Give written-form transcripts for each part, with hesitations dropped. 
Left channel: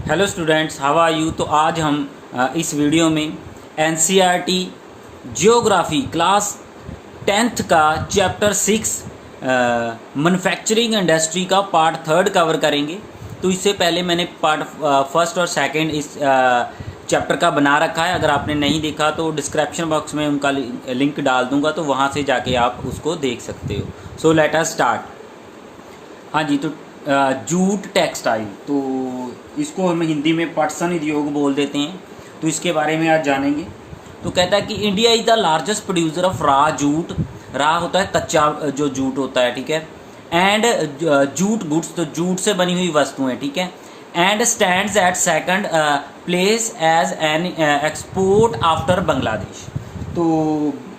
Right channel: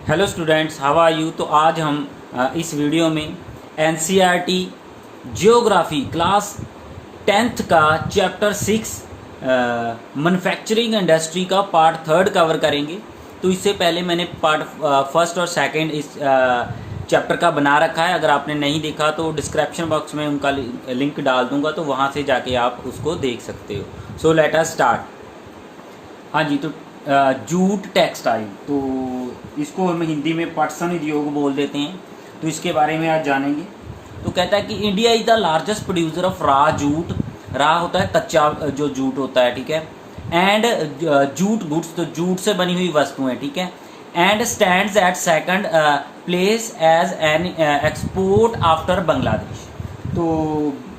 Hello students, how are you. तो आज हम इस वीडियो में एनसीईआरटी जियोग्राफी क्लास 10th का चैप्टर 6 मैन्युफैक्चरिंग इंडस्ट्री का पार्ट 3 कवर करेंगे। तो इससे पहले मैंने पार्ट 1st और 2nd इस चैप्टर का बना रखा है। अगर आपने नहीं देखा तो डिस्क्रिप्शन बॉक्स में उनका लिंक डाल दूंगा, तो वहाँ से जाके आप उसको देख सकते हो। So let us start. हाँ जी, तो जूट टेक्सटाइल, तो इसको हम हिंदी में पटसन उद्योग बोल देते हैं। तो इसके बारे में आज जानेंगे। तो कहता है कि India is the largest producer of रा जूट। रा होता है कच्चा जो जूट होता है, ठीक है। एंड जूट गुड्स, तो जूट से बनी हुई वस्तुएं, ठीक है। And stands at second place as an export after Bangladesh. तो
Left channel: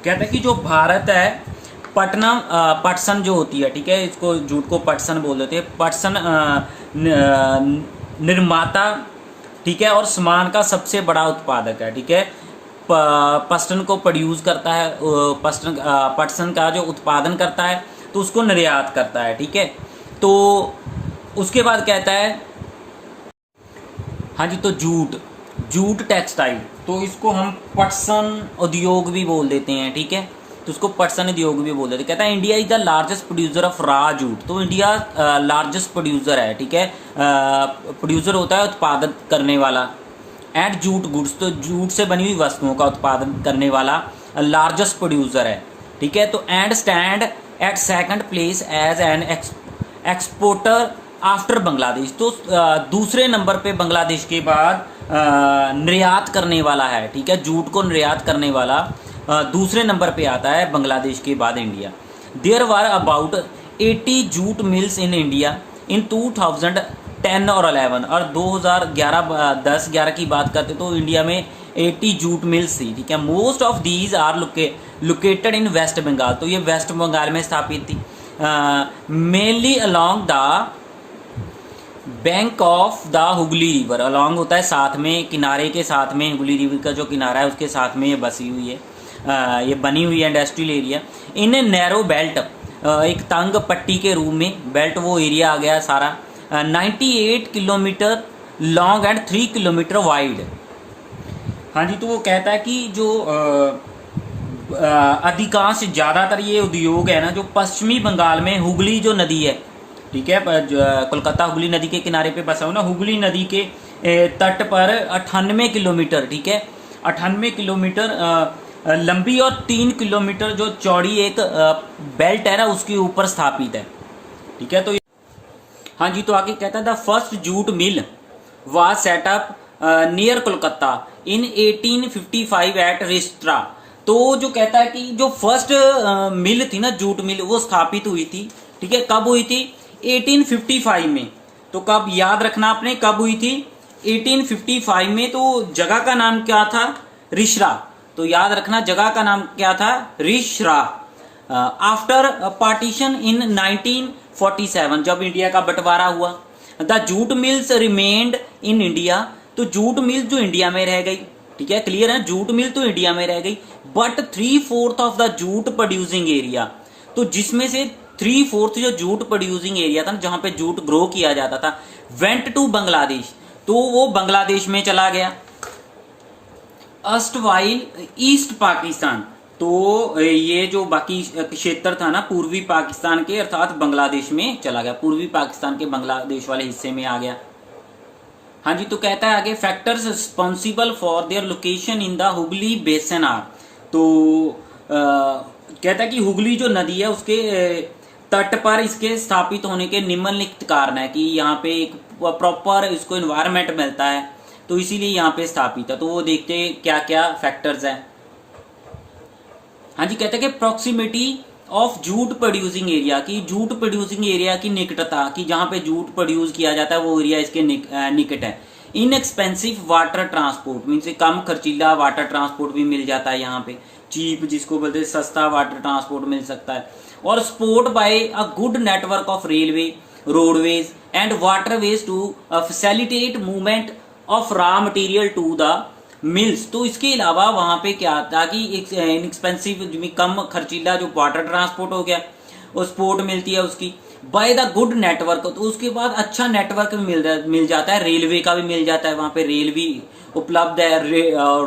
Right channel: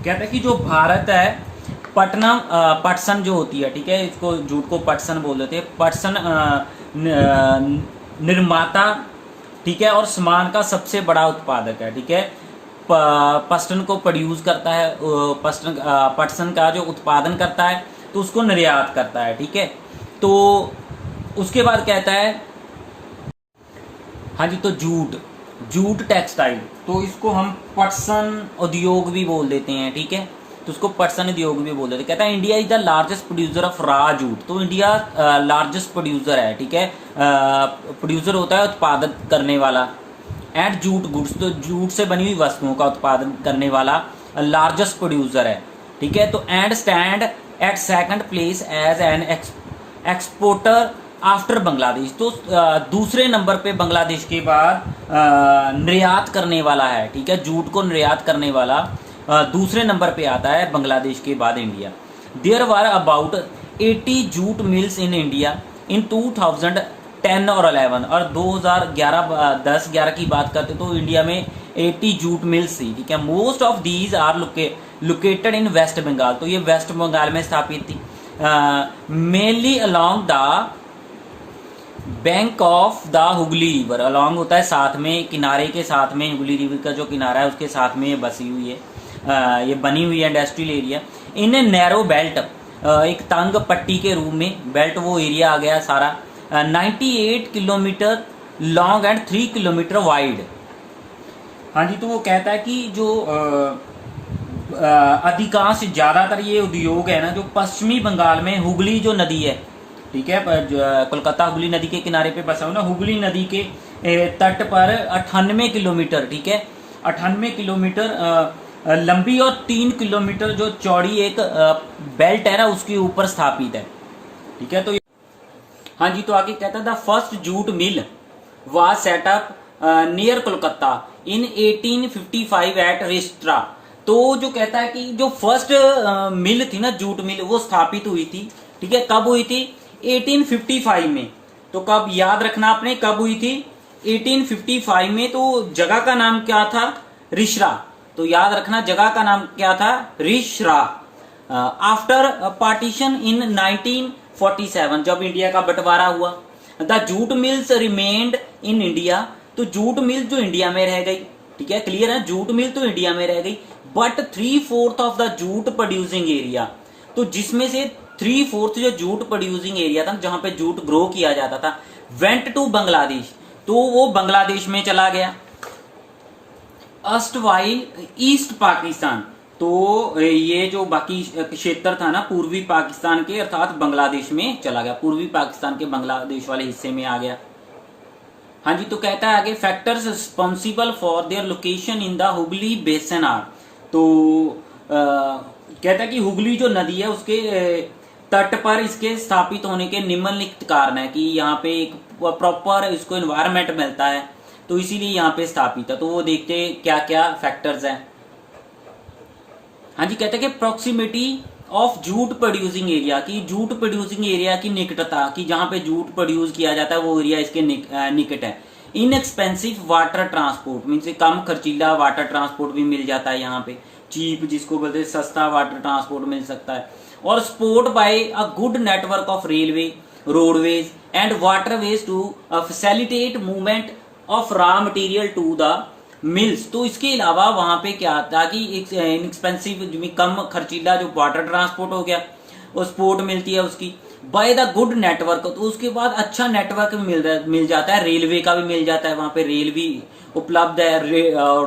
कहता है कि जो भारत है, पटसन जो होती है, ठीक है, इसको जूट को पटसन बोल देते हैं। पटसन निर्माता, ठीक है, और सामान का सबसे बड़ा उत्पादक है, ठीक है। पटसन को प्रोड्यूस करता है, पटसन का जो उत्पादन करता है तो उसको निर्यात करता है, ठीक है। तो उसके बाद कहता है, हाँ जी, तो जूट टेक्सटाइल, तो इसको हम पटसन उद्योग भी बोल देते हैं, ठीक है। तो उसको पटसन उद्योग भी बोल देते हैं। कहता है India is the largest producer of रा जूट। तो इंडिया लार्जेस्ट प्रोड्यूसर है, ठीक है। प्रोड्यूसर होता है उत्पादन करने वाला। एंड जूट गुड्स, तो जूट से बनी हुई वस्तुओं का उत्पादन करने वाला लार्जेस्ट प्रोड्यूसर है, ठीक है। तो and stand at second place as an exporter after Bangladesh. तो दूसरे नंबर पे बांग्लादेश के बाद निर्यात करने वाला है, ठीक है। जूट को निर्यात करने वाला दूसरे नंबर पे आता है बांग्लादेश के बाद India. There were about 80 jute mills in India in 2010 और 11, और 2011 की बात करते तो इंडिया में 80 जूट मिल्स थी, ठीक है। Most of these are located in West Bengal. तो ये वेस्ट बंगाल में स्थापित थी। Mainly along the bank of the Hooghly river. Along होता है साथ में, किनारे के साथ में, हुगली रिवर का जो किनारा है उसके साथ में ये बसी हुई है, ये बनी हुई है इंडस्ट्रियल एरिया। इन नैरो बेल्ट, एक तंग पट्टी के रूप में बेल्ट वो एरिया आ गया सारा। 98 kilometre long and 3 kilometre wide. हाँ जी, तो वो कहता है कि जो अधिकांश ज्यादातर ये उद्योग है ना, जो पश्चिमी बंगाल में हुगली जो नदी है, ठीक है, कोलकाता हुगली नदी के किनारे पे बसा हुआ ना, हुगली नदी के तट पर 98 किलोमीटर, ठीक है, 98 किलोमीटर लंबी और 3 किलोमीटर जो चौड़ी एक बेल्ट है ना, उसके ऊपर स्थापित है, ठीक है। तो हाँ जी, तो आगे कहता है the first jute mill was set up near Kolkata in 1855 at Rishra. तो जो कहता है कि जो फर्स्ट मिल थी ना, जूट मिल, वो स्थापित हुई थी, ठीक है। कब हुई थी? 1855 में। तो कब, याद रखना आपने, कब हुई थी? 1855 में। तो जगह का नाम क्या था? रिश्रा। तो याद रखना, जगह का नाम क्या था? रिश्रा। आफ्टर पार्टीशन इन 1947, जब इंडिया का बंटवारा हुआ, the jute mills remained in India. तो जूट मिल जो इंडिया में रह गई, ठीक है, क्लियर है, जूट मिल तो इंडिया में रह गई। But 3/4 of the jute producing area, तो जिसमें से 3/4 जो जूट प्रोड्यूसिंग एरिया था, जहां पे जूट ग्रो किया जाता था, वेंट टू बांग्लादेश, तो वो बांग्लादेश में चला गया। अस्तवाइल ईस्ट पाकिस्तान, तो ये जो बाकी क्षेत्र था ना पूर्वी पाकिस्तान के, अर्थात बांग्लादेश में चला गया, पूर्वी पाकिस्तान के बांग्लादेश वाले हिस्से में आ गया। हाँ जी, तो कहता है आगे, factors responsible for their location in the Hooghly बेसन आर। तो कहता है कि हुगली जो नदी है उसके तट पर इसके स्थापित होने के निम्नलिखित कारण है कि यहाँ पे एक प्रॉपर इसको एनवायरमेंट मिलता है, तो इसीलिए यहाँ पे स्थापित है। तो वो देखते हैं क्या क्या फैक्टर्स हैं। हाँ जी, कहते हैं कि proximity of jute producing area, की जूट प्रोड्यूसिंग एरिया की निकटता, कि जहां पे जूट प्रोड्यूस किया जाता है वो एरिया इसके निकट है। इनएक्सपेंसिव वाटर ट्रांसपोर्ट, मीन से कम खर्चीला वाटर ट्रांसपोर्ट भी मिल जाता है यहाँ पे, चीप जिसको बोलते हैं, सस्ता वाटर ट्रांसपोर्ट मिल सकता है। और support by a good network of railway, roadways and waterways to facilitate movement of raw material to the mills. तो इसके अलावा वहां पे क्या था कि इनएक्सपेंसिव, कम खर्चीला जो वाटर ट्रांसपोर्ट हो गया, वो सपोर्ट मिलती है उसकी, बाय द गुड नेटवर्क, तो उसके बाद अच्छा नेटवर्क मिल जाता है, रेलवे का भी मिल जाता है, वहां पे रेल भी उपलब्ध है,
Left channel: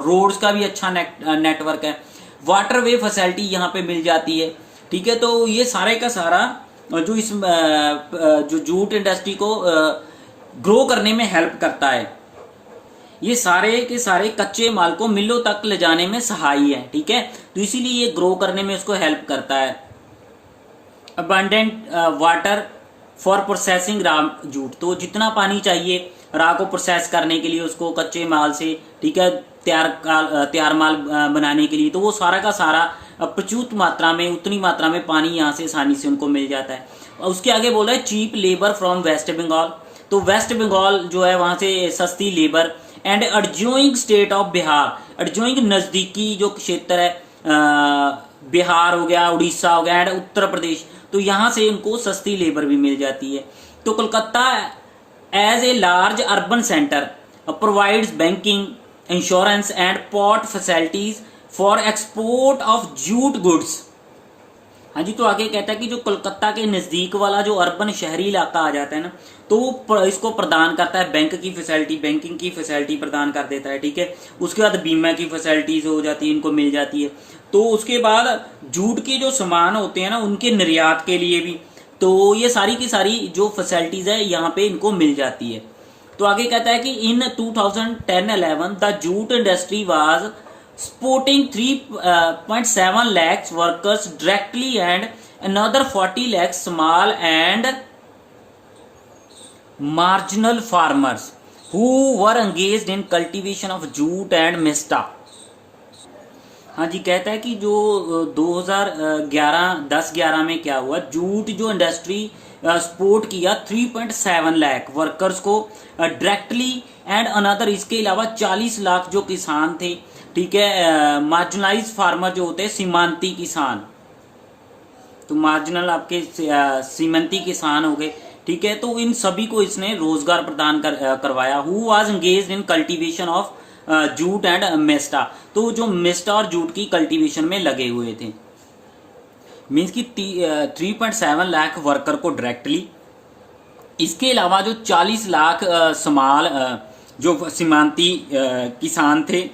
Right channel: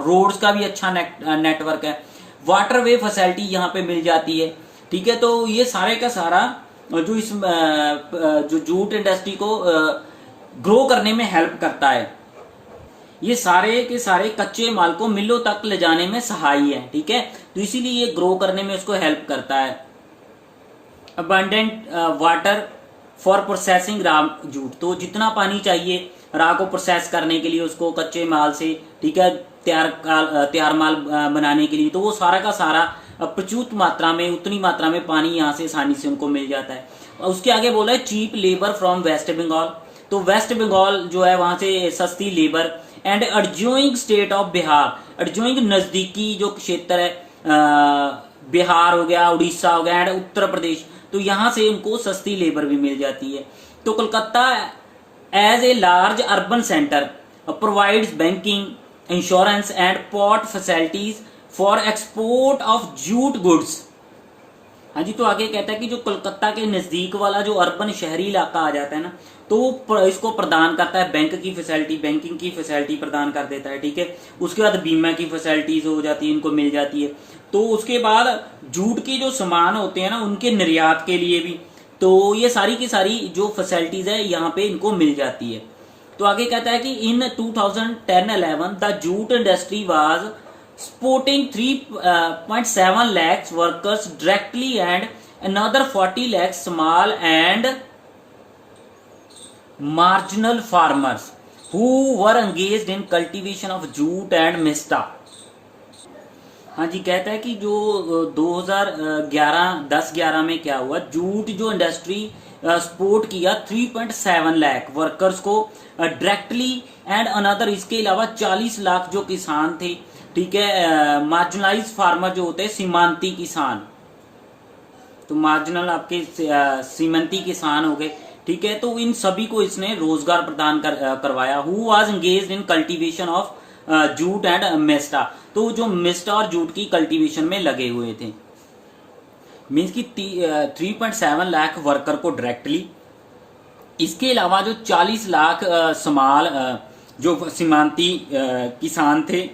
रोड्स का भी अच्छा नेटवर्क है, वाटरवे फैसिलिटी यहाँ पे मिल जाती है। ठीक है, तो ये सारे का सारा जो इस जो जूट इंडस्ट्री को ग्रो करने में हेल्प करता है, ये सारे के सारे कच्चे माल को मिलों तक ले जाने में सहायी है। ठीक है, तो इसीलिए ये ग्रो करने में इसको हेल्प करता है। अबंडेंट वाटर फॉर प्रोसेसिंग रा जूट, तो जितना पानी चाहिए रा को प्रोसेस करने के लिए, उसको कच्चे माल से, ठीक है, तैयार माल बनाने के लिए, तो वो सारा का सारा प्रचुर मात्रा में, उतनी मात्रा में पानी यहाँ से आसानी से उनको मिल जाता है। उसके आगे बोला है cheap labour from West Bengal, तो वेस्ट बंगाल जो है वहां से सस्ती labour, and adjoining state of Bihar, adjoining नजदीकी जो क्षेत्र है, बिहार हो गया, उड़ीसा हो गया, एंड उत्तर प्रदेश, तो यहां से इनको सस्ती लेबर भी मिल जाती है। तो Kolkata as a large urban centre provides banking, insurance and port facilities for export of jute goods. हाँ जी, तो आगे कहता है कि जो कोलकाता के नजदीक वाला जो अर्बन शहरी इलाका आ जाता है ना, तो वो इसको प्रदान करता है बैंक की फैसिलिटी, बैंकिंग की फैसिलिटी प्रदान कर देता है। ठीक है, उसके बाद बीमा की फैसिलिटीज हो जाती है, इनको मिल जाती है। तो उसके बाद जूट के जो सामान होते हैं ना, उनके निर्यात के लिए भी, तो ये सारी की सारी जो फैसिलिटीज है यहाँ पे इनको मिल जाती है। तो आगे कहता है कि इन 2010-11 the jute industry was supporting 3.7 lakhs workers directly and another 40 lakhs small and marginal farmers who were engaged in cultivation of jute and mista। हाँ जी, कहता है कि जो 2011 में क्या हुआ, जूट जो इंडस्ट्री सपोर्ट किया 3.7 लाख वर्कर्स को डायरेक्टली एंड अनदर, इसके अलावा 40 लाख जो किसान थे, ठीक है, मार्जिनलाइज फार्मर जो होते हैं, सीमांती किसान, तो मार्जिनल आपके सीमांती किसान हो गए। ठीक है, तो इन सभी को इसने रोजगार प्रदान करवाया। Who was engaged in cultivation of jute and mesta, तो जो मेस्टा और जूट की कल्टीवेशन में लगे हुए थे, मीन्स की 3.7 लाख वर्कर को डायरेक्टली, इसके अलावा जो 40 लाख स्मॉल जो सीमांती किसान थे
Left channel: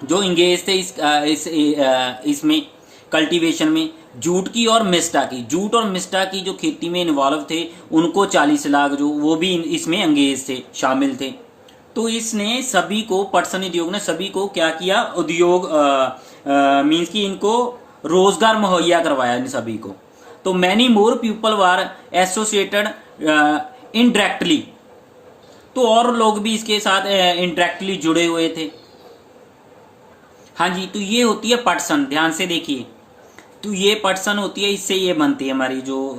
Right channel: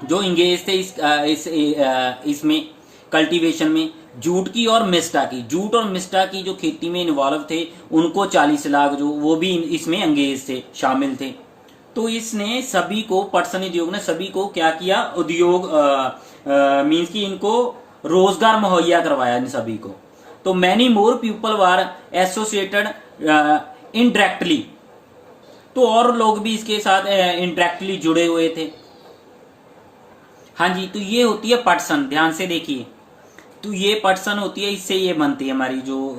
जो इंगेज थे इसमें कल्टीवेशन में जूट की और मिस्टा की, जूट और मिस्टा की जो खेती में इन्वॉल्व थे, उनको 40 लाख जो वो भी इसमें अंगेज थे, शामिल थे। तो इसने सभी को, पटसन उद्योग ने सभी को क्या किया, उद्योग मीन्स की इनको रोजगार मुहैया करवाया इन सभी को। तो many more people were associated indirectly, तो और लोग भी इसके साथ इनडायरेक्टली जुड़े हुए थे। हाँ जी, तो ये होती है पटसन, ध्यान से देखिए, तो ये पटसन होती है, इससे ये बनती है हमारी जो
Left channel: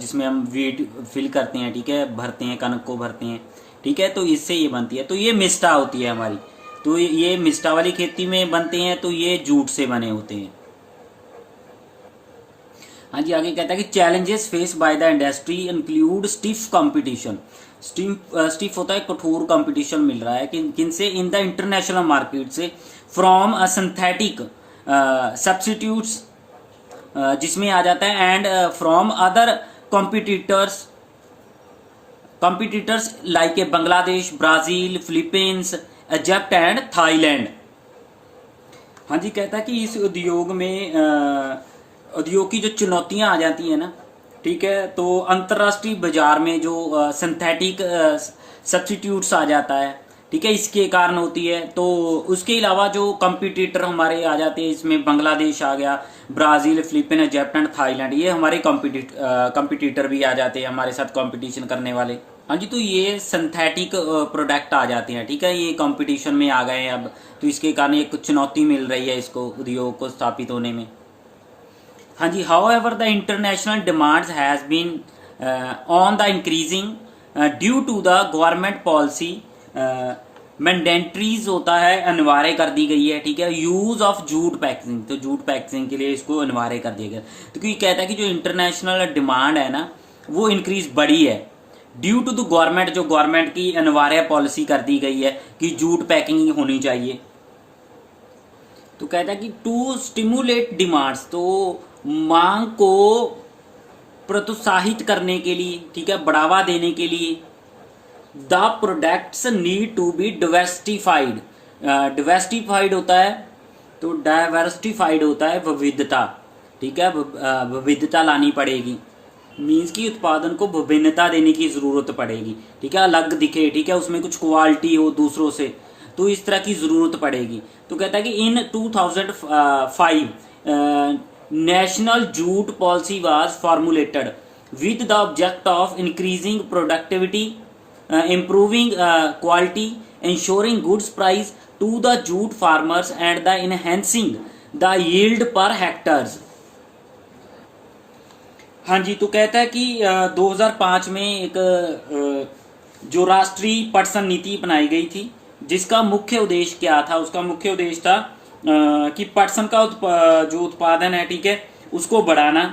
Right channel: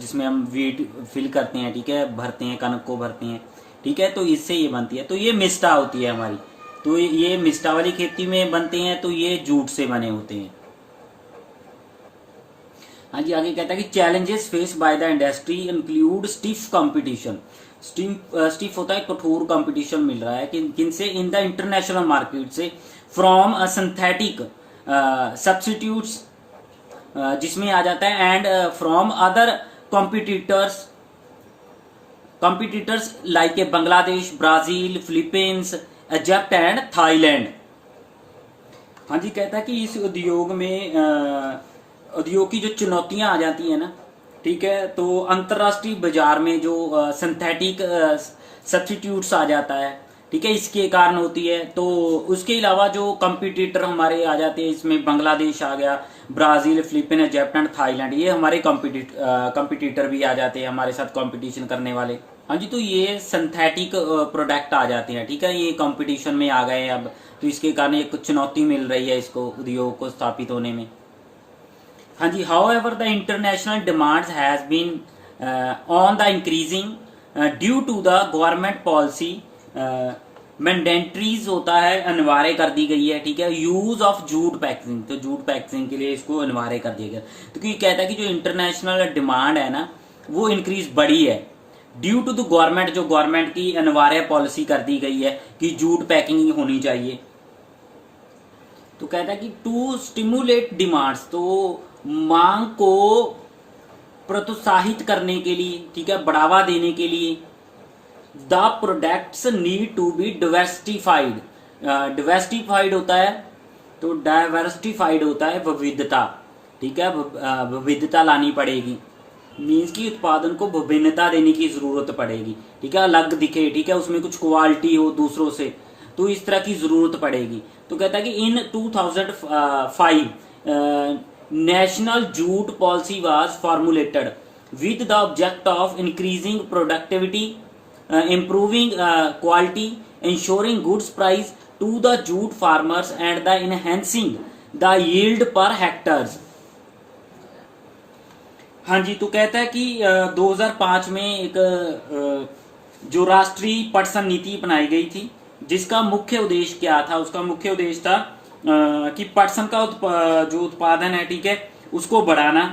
जिसमें हम वीट फिल करते हैं, ठीक है, भरते हैं, कनक को भरते हैं, ठीक है, तो इससे ये बनती है। तो ये मिस्टा होती है हमारी, तो ये मिस्टा वाली खेती में बनते हैं, तो ये जूट से बने होते हैं। हाँ जी, आगे कहता है कि challenges face by the industry include stiff competition, stiff होता है कठोर कंपटीशन मिल रहा है किन से, इन द इंटरनेशनल मार्केट से, फ्रॉम सिंथेटिक सब्स्टिट्यूट्स जिसमें आ जाता है, and from other competitors like Bangladesh, Brazil, Philippines, Egypt and Thailand. हाँ जी, कहता है कि इस उद्योग में उद्योग की जो चुनौतियां आ जाती है ना, ठीक है, तो अंतरराष्ट्रीय बाजार में जो सिंथेटिक सब्स्टिट्यूट्स आ जाता है, ठीक है, इसके कारण होती है। तो उसके अलावा जो कंपटीटर हमारे आ जाते हैं, इसमें बांग्लादेश आ गया, Brazil, Philippine, Egypt and Thailand, ये हमारे कंपटीटर भी आ जाते हैं हमारे साथ कंपटीशन करने वाले। हाँ जी, तो ये सिंथेटिक प्रोडक्ट आ जाते हैं, ठीक है, ये कंपटीशन में आ गए अब, तो इसके कारण एक चुनौती मिल रही है इसको, उद्योग को स्थापित होने में। हाँ जी, however the international demands has been on the increasing due to the government policy मैंडेटरीज होता है, अनिवार्य कर दी गई है, ठीक है, यूज ऑफ जूट पैकेजिंग, तो जूट पैकेजिंग के लिए इसको अनिवार्य कर दिया गया। तो क्योंकि कहता है कि जो इंटरनेशनल डिमांड है ना, वो इंक्रीज बढ़ी है ड्यू टू द गवर्नमेंट, जो गवर्नमेंट की अनिवार्य पॉलिसी कर दी गई है कि जूट पैकिंग होनी चाहिए। तो कहता है कि टू स्टिमुलेट डिमांड्स, तो मांग को प्रोत्साहित करने के लिए, ठीक है, बढ़ावा देने के लिए the products need to be diversified. Diversified होता है, तो डाइवर्सिफाइड होता है विविधता, ठीक है, विविधता लानी पड़ेगी, मीन्स की उत्पादन को विभिन्नता देने की जरूरत पड़ेगी, ठीक है, अलग दिखे, ठीक है, उसमें कुछ क्वालिटी हो दूसरों से, तो इस तरह की जरूरत पड़ेगी। तो कहता है कि इन 2005 national jute policy was formulated with the object of increasing productivity, improving quality, ensuring goods price to the jute farmers and the enhancing the yield per hectares। हाँ जी, तो कहता है कि 2005 में एक जो राष्ट्रीय पटसन नीति अपनाई गई थी, जिसका मुख्य उद्देश्य क्या था, उसका मुख्य उद्देश्य था कि पटसन का जो उत्पादन है, ठीक है, उसको बढ़ाना,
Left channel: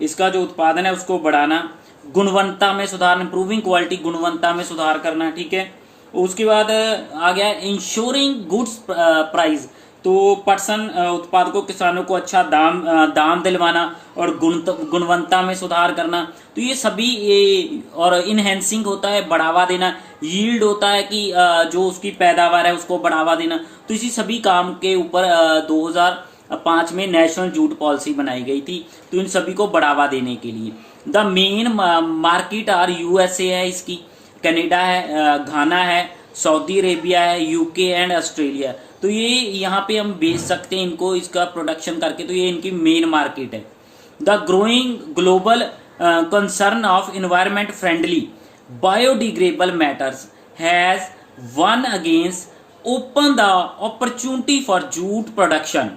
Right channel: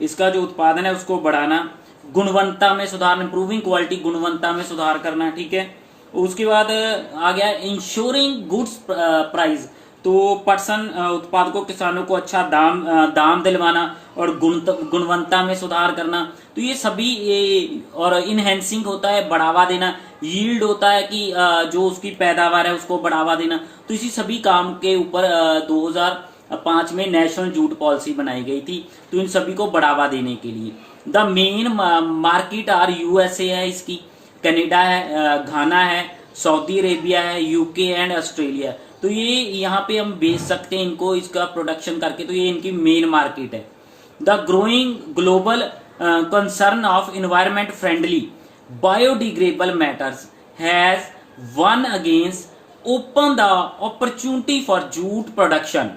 इसका जो उत्पादन है उसको बढ़ाना, गुणवत्ता में सुधार, इंप्रूविंग क्वालिटी, गुणवत्ता में सुधार करना, ठीक है। उसके बाद आ गया इंश्योरिंग गुड्स प्राइस, तो पटसन उत्पादकों किसानों को अच्छा दाम दिलवाना और गुणवत्ता में सुधार करना, तो ये सभी और इनहेंसिंग होता है बढ़ावा देना, यील्ड होता है कि जो उसकी पैदावार है उसको बढ़ावा देना। तो इसी सभी काम के ऊपर 2005 में नेशनल जूट पॉलिसी बनाई गई थी, तो इन सभी को बढ़ावा देने के लिए। The main market are USA है, इसकी कनाडा है, घाना है, सऊदी अरेबिया है, यूके एंड ऑस्ट्रेलिया। तो ये यहाँ पे हम बेच सकते हैं इनको, इसका प्रोडक्शन करके, तो ये इनकी मेन मार्केट है। The growing global concern of environment friendly biodegradable matters has one against open the opportunity for jute production.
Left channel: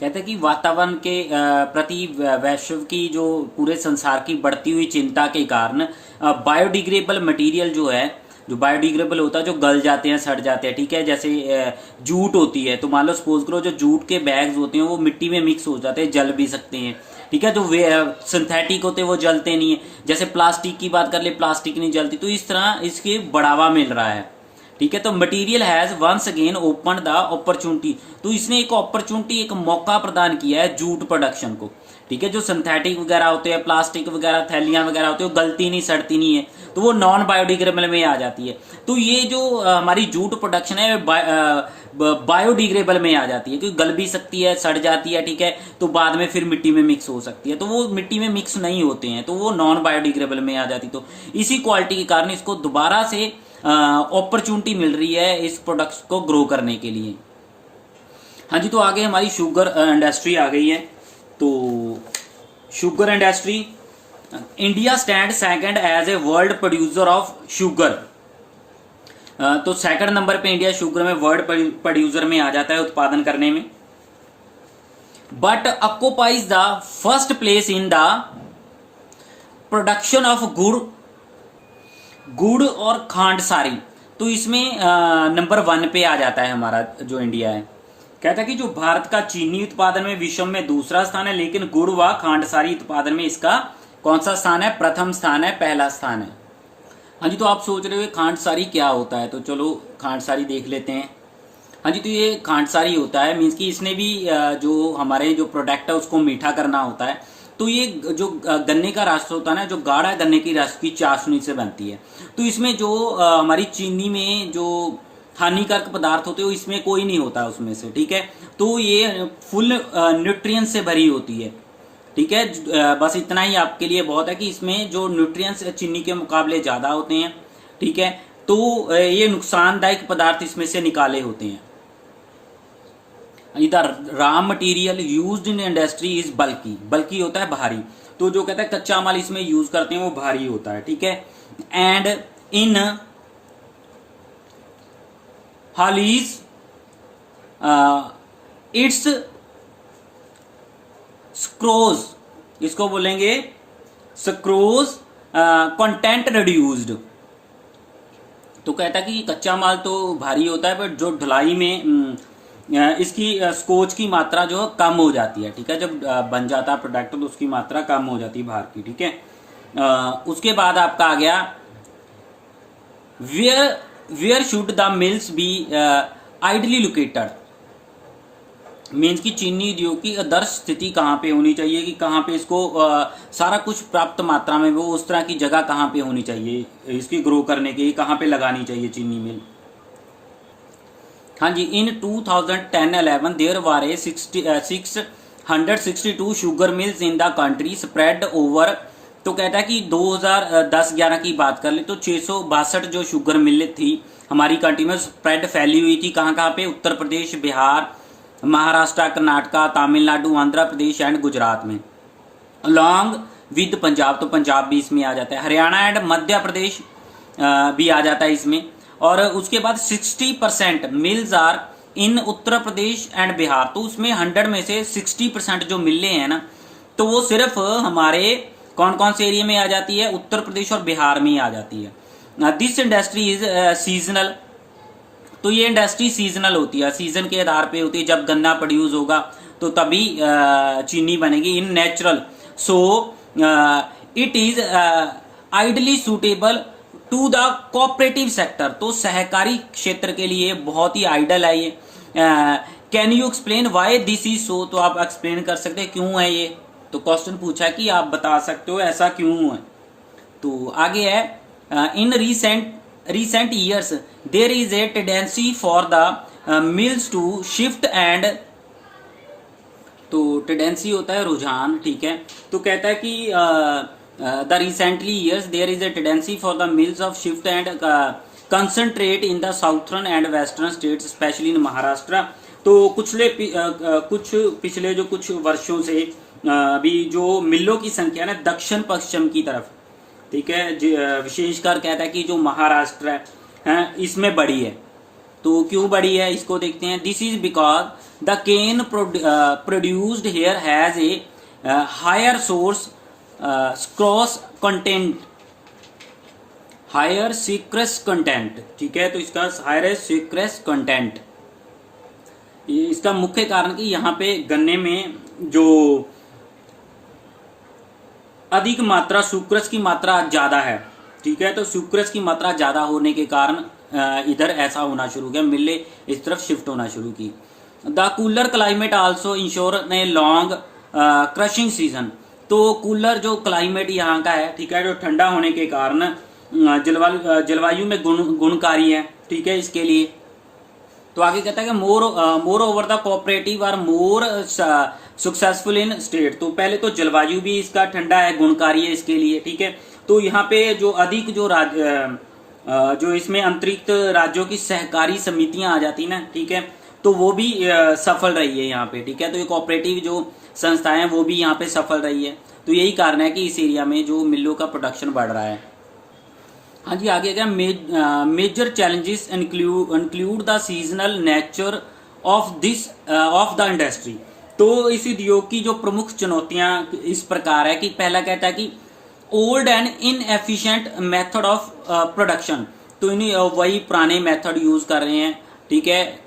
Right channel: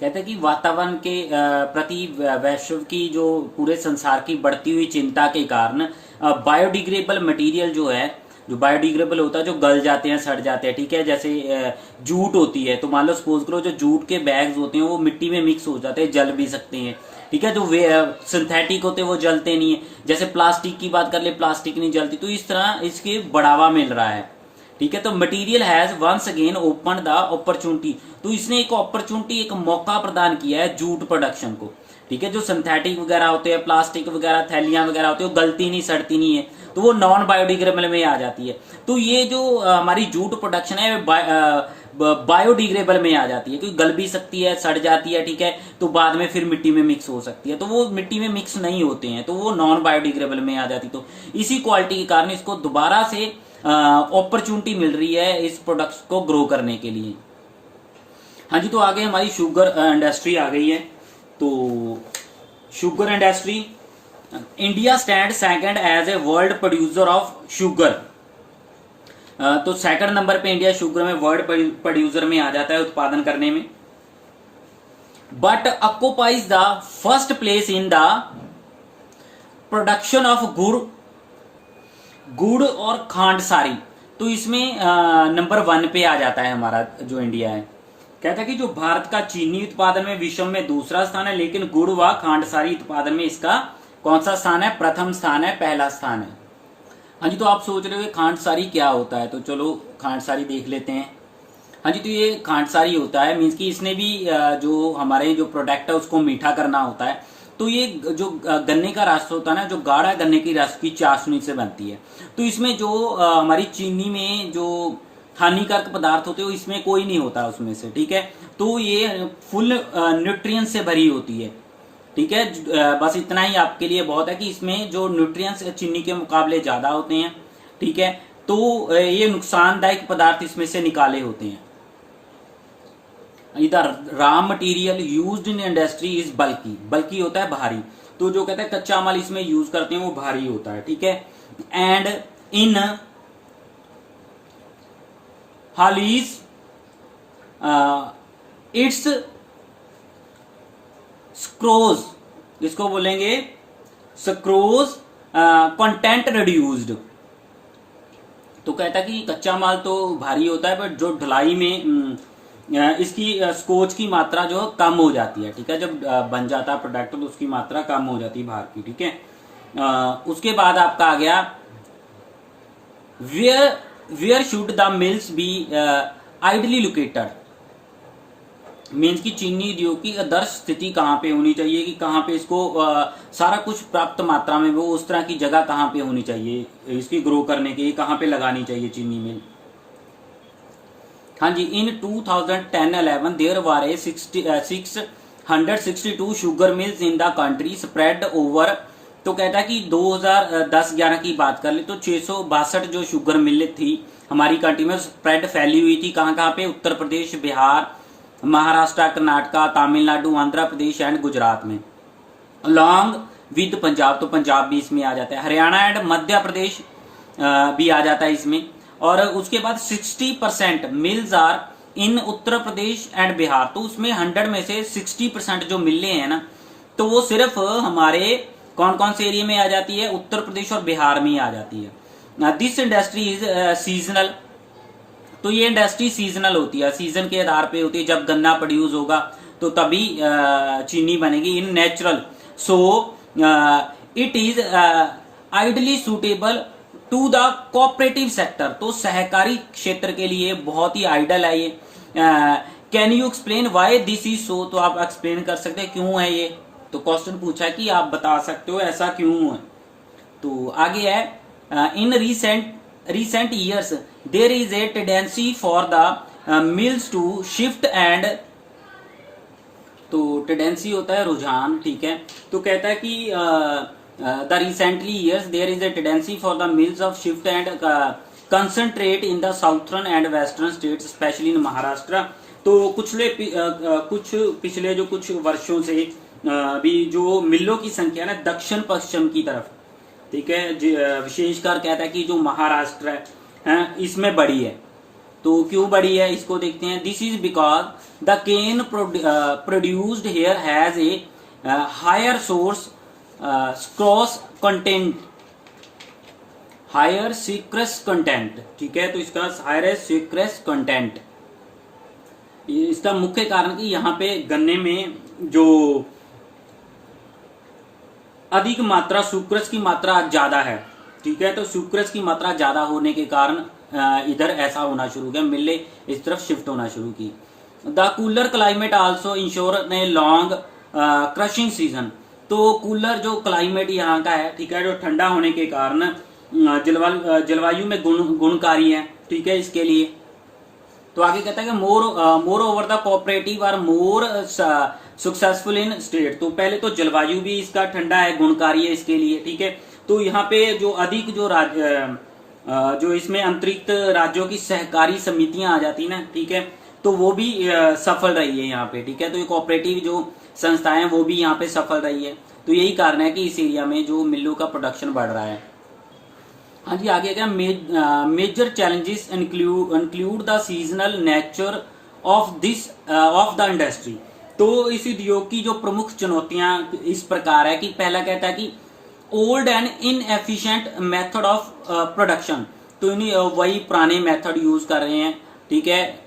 कहते हैं कि वातावरण के प्रति वैश्व की जो पूरे संसार की बढ़ती हुई चिंता के कारण बायोडिग्रेडेबल मटेरियल जो है, जो बायोडिग्रेडेबल होता है, जो गल जाते हैं, सड़ जाते हैं, ठीक है, जैसे जूट होती है, तो मान लो सपोज करो जो जूट के बैग्स होते हैं वो मिट्टी में मिक्स हो जाते हैं, जल भी सकते हैं, ठीक है, जो सिंथेटिक होते हैं वो जलते नहीं है, जैसे प्लास्टिक की बात कर ले, प्लास्टिक नहीं जलती, तो इस तरह इसके बढ़ावा मिल रहा है, ठीक है। तो material has once again open the opportunity, तो इसने एक अपॉर्चुनिटी, एक मौका प्रदान किया है जूट प्रोडक्शन को, ठीक है। जो सिंथेटिक वगैरह होते हैं, प्लास्टिक वगैरह, थैलियां वगैरह होती है, वो गलती नहीं, सड़ती नहीं है, तो वो नॉन बायोडिग्रेडेबल में आ जाती है। तो ये जो हमारी जूट प्रोडक्शन है बायोडिग्रेडेबल में आ जाती है, क्योंकि गल भी सकती है, सड़ जाती है, ठीक है, तो बाद में फिर मिट्टी में मिक्स हो सकती है, तो वो मिट्टी में मिक्स नहीं होते हैं, तो वो नॉन बायोडिग्रेडेबल में आ जाती। तो इसी क्वालिटी के कारण इसको दोबारा से अपॉर्चुनिटी मिल रही है इस प्रोडक्ट को ग्रो करने के लिए। हाँ जी, तो आगे हमारी शुगर इंडस्ट्री आ गई है। तो sugar industry, India stand second as a world producer of sugar. तो सेकंड नंबर पे इंडिया शुगर में वर्ल्ड प्रोड्यूसर में आ जाता है उत्पादन करने में, but occupies the first place in the production of गुड़ और खांडसारी। तो इसमें नंबर 1 पे आ जाता है हमारा जो इंडिया है। कहता है कि जो भारत का चीनी उत्पादन में विश्व में दूसरा स्थान है, लेकिन गुड़ व खांडसारी उत्पादन में इसका कौन सा स्थान है? प्रथम स्थान है, पहला स्थान है। हाँ जी, तो आप सोच रहे हो खांडसारी क्या होता है, तो चलो खांडसारी देख लेते हैं। हाँ जी, तो ये खांडसारी होता है, मीन्स कि इसने भी जो हमारे जो प्रोडक्ट है उसको मीठा करना होता है। तो ये जो गन्ने का रस होता है ना, जो गाढ़ा गन्ने की रस की चाशनी से बनती है, तो इसमें जो हमारी चीनी में जो हानिकारक पदार्थ होते हैं वो इसमें कोई नहीं होता उसमें से, ठीक है। तो ये फुल न्यूट्रिएंट से भरी होती है, ठीक है। बस इतना ही आपके लिए बहुत है कि इसमें जो न्यूट्रिएंट्स चीनी के मुकाबले ज्यादा होते हैं, ठीक है। तो ये नुकसानदायक पदार्थ इसमें से निकाले होते हैं। इधर raw material used in industry is bulky, bulky होता है भारी। तो जो कहता है कच्चा माल इसमें यूज करते हैं वो भारी होता है, ठीक है। एंड इन हालीज इट्स स्क्रोज, इसको बोलेंगे स्क्रोज कंटेंट रिड्यूस्ड। तो कहता है कि कच्चा माल तो भारी होता है, बट जो ढलाई में इसकी स्कोच की मात्रा जो कम हो जाती है, ठीक है। जब बन जाता है प्रोडक्ट तो उसकी मात्रा कम हो जाती है भार की, ठीक है। उसके बाद आपका आ गया where should the mills be ideally located. Means कि चीनी उद्योग की आदर्श स्थिति कहाँ पे होनी चाहिए, कि कहाँ पे इसको सारा कुछ प्राप्त मात्रा में वो उस तरह की जगह कहाँ पे होनी चाहिए इसकी ग्रो करने की, कहाँ पे लगानी चाहिए चीनी मिल। हाँ जी, in 2010-11 there were 662 sugar mills in the country spread over. तो कहता है कि 2010-11 की बात कर ले तो 662 जो शुगर मिल थी हमारी कंट्री में स्प्रेड फैली हुई थी। कहाँ कहाँ पे? उत्तर प्रदेश, बिहार, महाराष्ट्र, कर्नाटका, तमिलनाडु, आंध्र प्रदेश एंड गुजरात में, अलॉन्ग विद पंजाब। तो पंजाब भी इसमें आ जाता है, हरियाणा एंड मध्य प्रदेश भी आ जाता है इसमें। और उसके बाद 60% mills are in Uttar Pradesh and Bihar. तो उसमें 100 में से 60% जो मिलें हैं ना, तो वो सिर्फ हमारे कौन कौन से एरिया में आ जाती है? उत्तर प्रदेश और बिहार में ही आ जाती है। This industry is seasonal. तो ये इंडस्ट्री सीजनल होती है, सीजन के आधार पे होती है। जब गन्ना प्रोड्यूस होगा तो तभी चीनी बनेगी। In natural, so it is ideally suitable to the cooperative sector. तो सहकारी क्षेत्र के लिए बहुत ही आइडल है ये। Can you explain why this is so? तो आप एक्सप्लेन कर सकते हैं क्यों है ये। तो क्वेश्चन पूछा कि आप बता सकते हो ऐसा क्यों है। तो आगे है, इन recent years there is a tendency for the mills to shift and। तो टेंडेंसी होता है रुझान, ठीक है। तो कहता है कि the recently years there is a tendency for the mills of shift and concentrate in the southern and western states specially in Maharashtra. तो कुछ पिछले जो कुछ वर्षों से भी जो मिलों की संख्या ना दक्षिण पश्चिम की तरफ, ठीक है, विशेषकर कहता है कि जो महाराष्ट्र है इसमें बढ़ी है। तो क्यों बढ़ी है इसको देखते हैं। This is because the cane produced here has a higher source sucrose content, higher sucrose content, ठीक है। तो इसका हायर सिक्रस कंटेंट, इसका मुख्य कारण कि यहाँ पे गन्ने में जो अधिक मात्रा सुक्रस की मात्रा ज्यादा है, ठीक है। तो सुक्रस की मात्रा ज्यादा होने के कारण इधर ऐसा होना शुरू किया, मिले इस तरफ शिफ्ट होना शुरू की। The cooler climate also ensure a long crushing season. तो कूलर जो क्लाइमेट यहाँ का है, ठीक है, जो ठंडा होने के कारण जलवायु में गुणकारी है, ठीक है, इसके लिए। तो आगे कहता है कि moreover the cooperative are more successful in state. तो पहले तो जलवायु भी इसका ठंडा है, गुणकारी है इसके लिए, ठीक है। तो यहाँ पे जो अधिक जो इसमें अंतरिक्त राज्यों की सहकारी समितियां आ जाती ना, ठीक है, तो वो भी सफल रही है यहाँ पे, ठीक है। तो ये कोऑपरेटिव जो संस्थाएं हैं वो भी यहाँ पे सफल रही है। तो यही कारण है कि इस एरिया में जो मिलों का प्रोडक्शन बढ़ रहा है। हाँ जी, आगे क्या, major challenges include the seasonal nature of the industry. तो इस उद्योग की जो प्रमुख चुनौतियां इस प्रकार है कि पहला कहता है कि old and inefficient method of production. तो इन्हें वही पुराने मेथड यूज कर रहे हैं, ठीक है,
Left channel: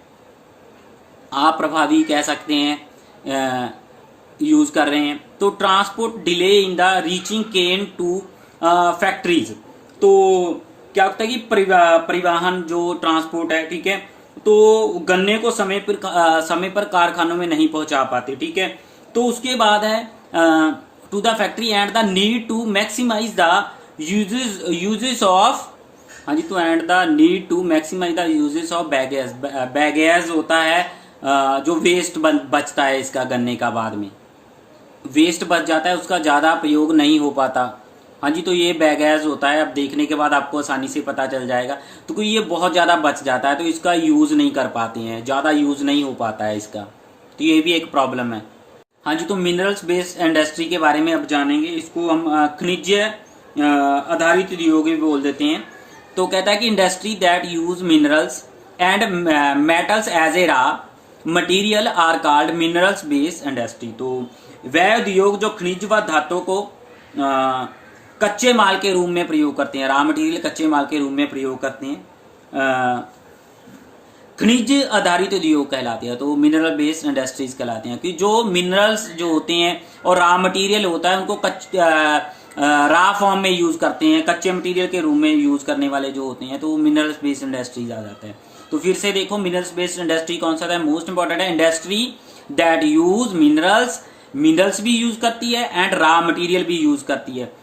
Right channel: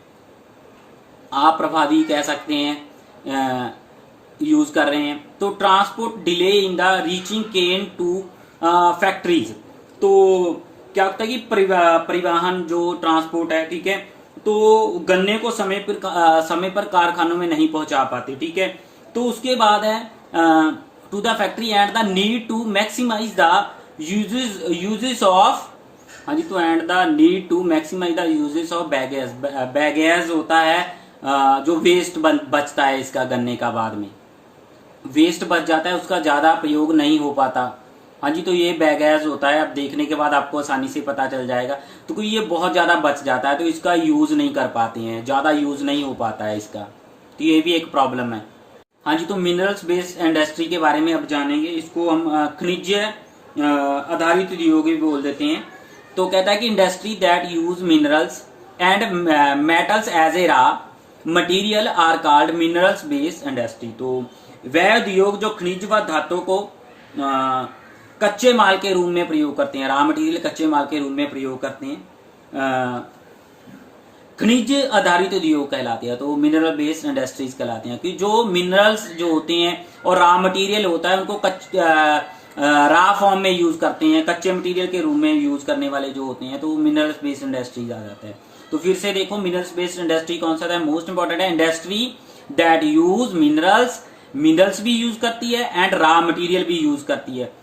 अप्रभावी कह सकते हैं, यूज कर रहे हैं। तो transport delay in the reaching cane to factories. तो क्या होता है कि परिवहन जो ट्रांसपोर्ट है, ठीक है, तो गन्ने को समय पर कारखानों में नहीं पहुंचा पाते, ठीक है। तो उसके बाद है to the factory and the need to maximise the uses of. हाँ जी, तो and the need to maximise the uses of bagasse. Bagasse होता है जो वेस्ट बचता है इसका, गन्ने का बाद में वेस्ट बच जाता है, उसका ज्यादा प्रयोग नहीं हो पाता। हाँ जी, तो ये बैगेज होता है। अब देखने के बाद आपको आसानी से पता चल जाएगा। तो कोई ये बहुत ज्यादा बच जाता है तो इसका यूज नहीं कर पाते हैं, ज्यादा यूज नहीं हो पाता है इसका, तो ये भी एक प्रॉब्लम है। हाँ जी, तो मिनरल्स बेस्ड इंडस्ट्री के बारे में अब जानेंगे। इसको हम खनिज आधारित उद्योग भी बोल देते हैं। तो कहता है कि industry that use minerals and metals as a raw material are called minerals based industry. तो वह उद्योग जो खनिज व धातु को कच्चे माल के रूप में प्रयोग करते हैं, रॉ मटेरियल कच्चे माल के रूप में प्रयोग करते हैं, खनिज आधारित उद्योग कहलाते हैं। तो मिनरल बेस्ड इंडस्ट्रीज कहलाते हैं कि जो मिनरल्स जो होते हैं और रॉ मटेरियल होता है उनको रा फॉर्म में यूज करते हैं, कच्चे मटेरियल के रूप में यूज करने वाले जो होते हैं, तो वो मिनरल्स बेस्ड इंडस्ट्रीज आ जाता है। तो फिर से देखो मिनरल्स बेस्ड इंडस्ट्री कौन सा था, मोस्ट इंपॉर्टेंट है industry that use minerals, minerals भी यूज करती है एंड रा मटेरियल भी यूज करती है।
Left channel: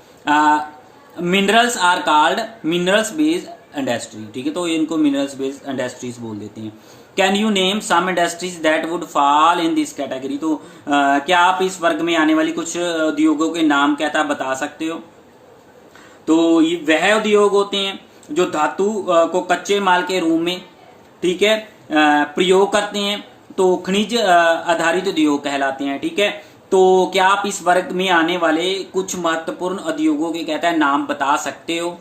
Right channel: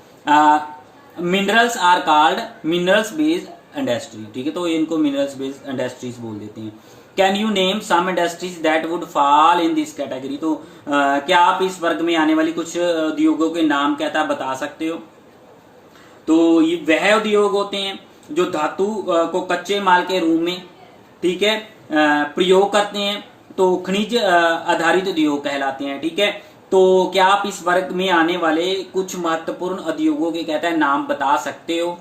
Minerals are called minerals based industry, ठीक है, तो इनको मिनरल्स बेस्ड इंडस्ट्रीज बोल देते हैं। Can you name some industries that would fall in this category, तो क्या आप इस वर्ग में आने वाली कुछ उद्योगों के नाम कहता बता सकते हो। तो ये वह उद्योग होते हैं जो धातु को कच्चे माल के रूप में, ठीक है, प्रयोग करते हैं, तो खनिज आधारित उद्योग कहलाते हैं, ठीक है। तो क्या आप इस वर्ग में आने वाले कुछ महत्वपूर्ण उद्योगों के कहता है नाम बता सकते हो।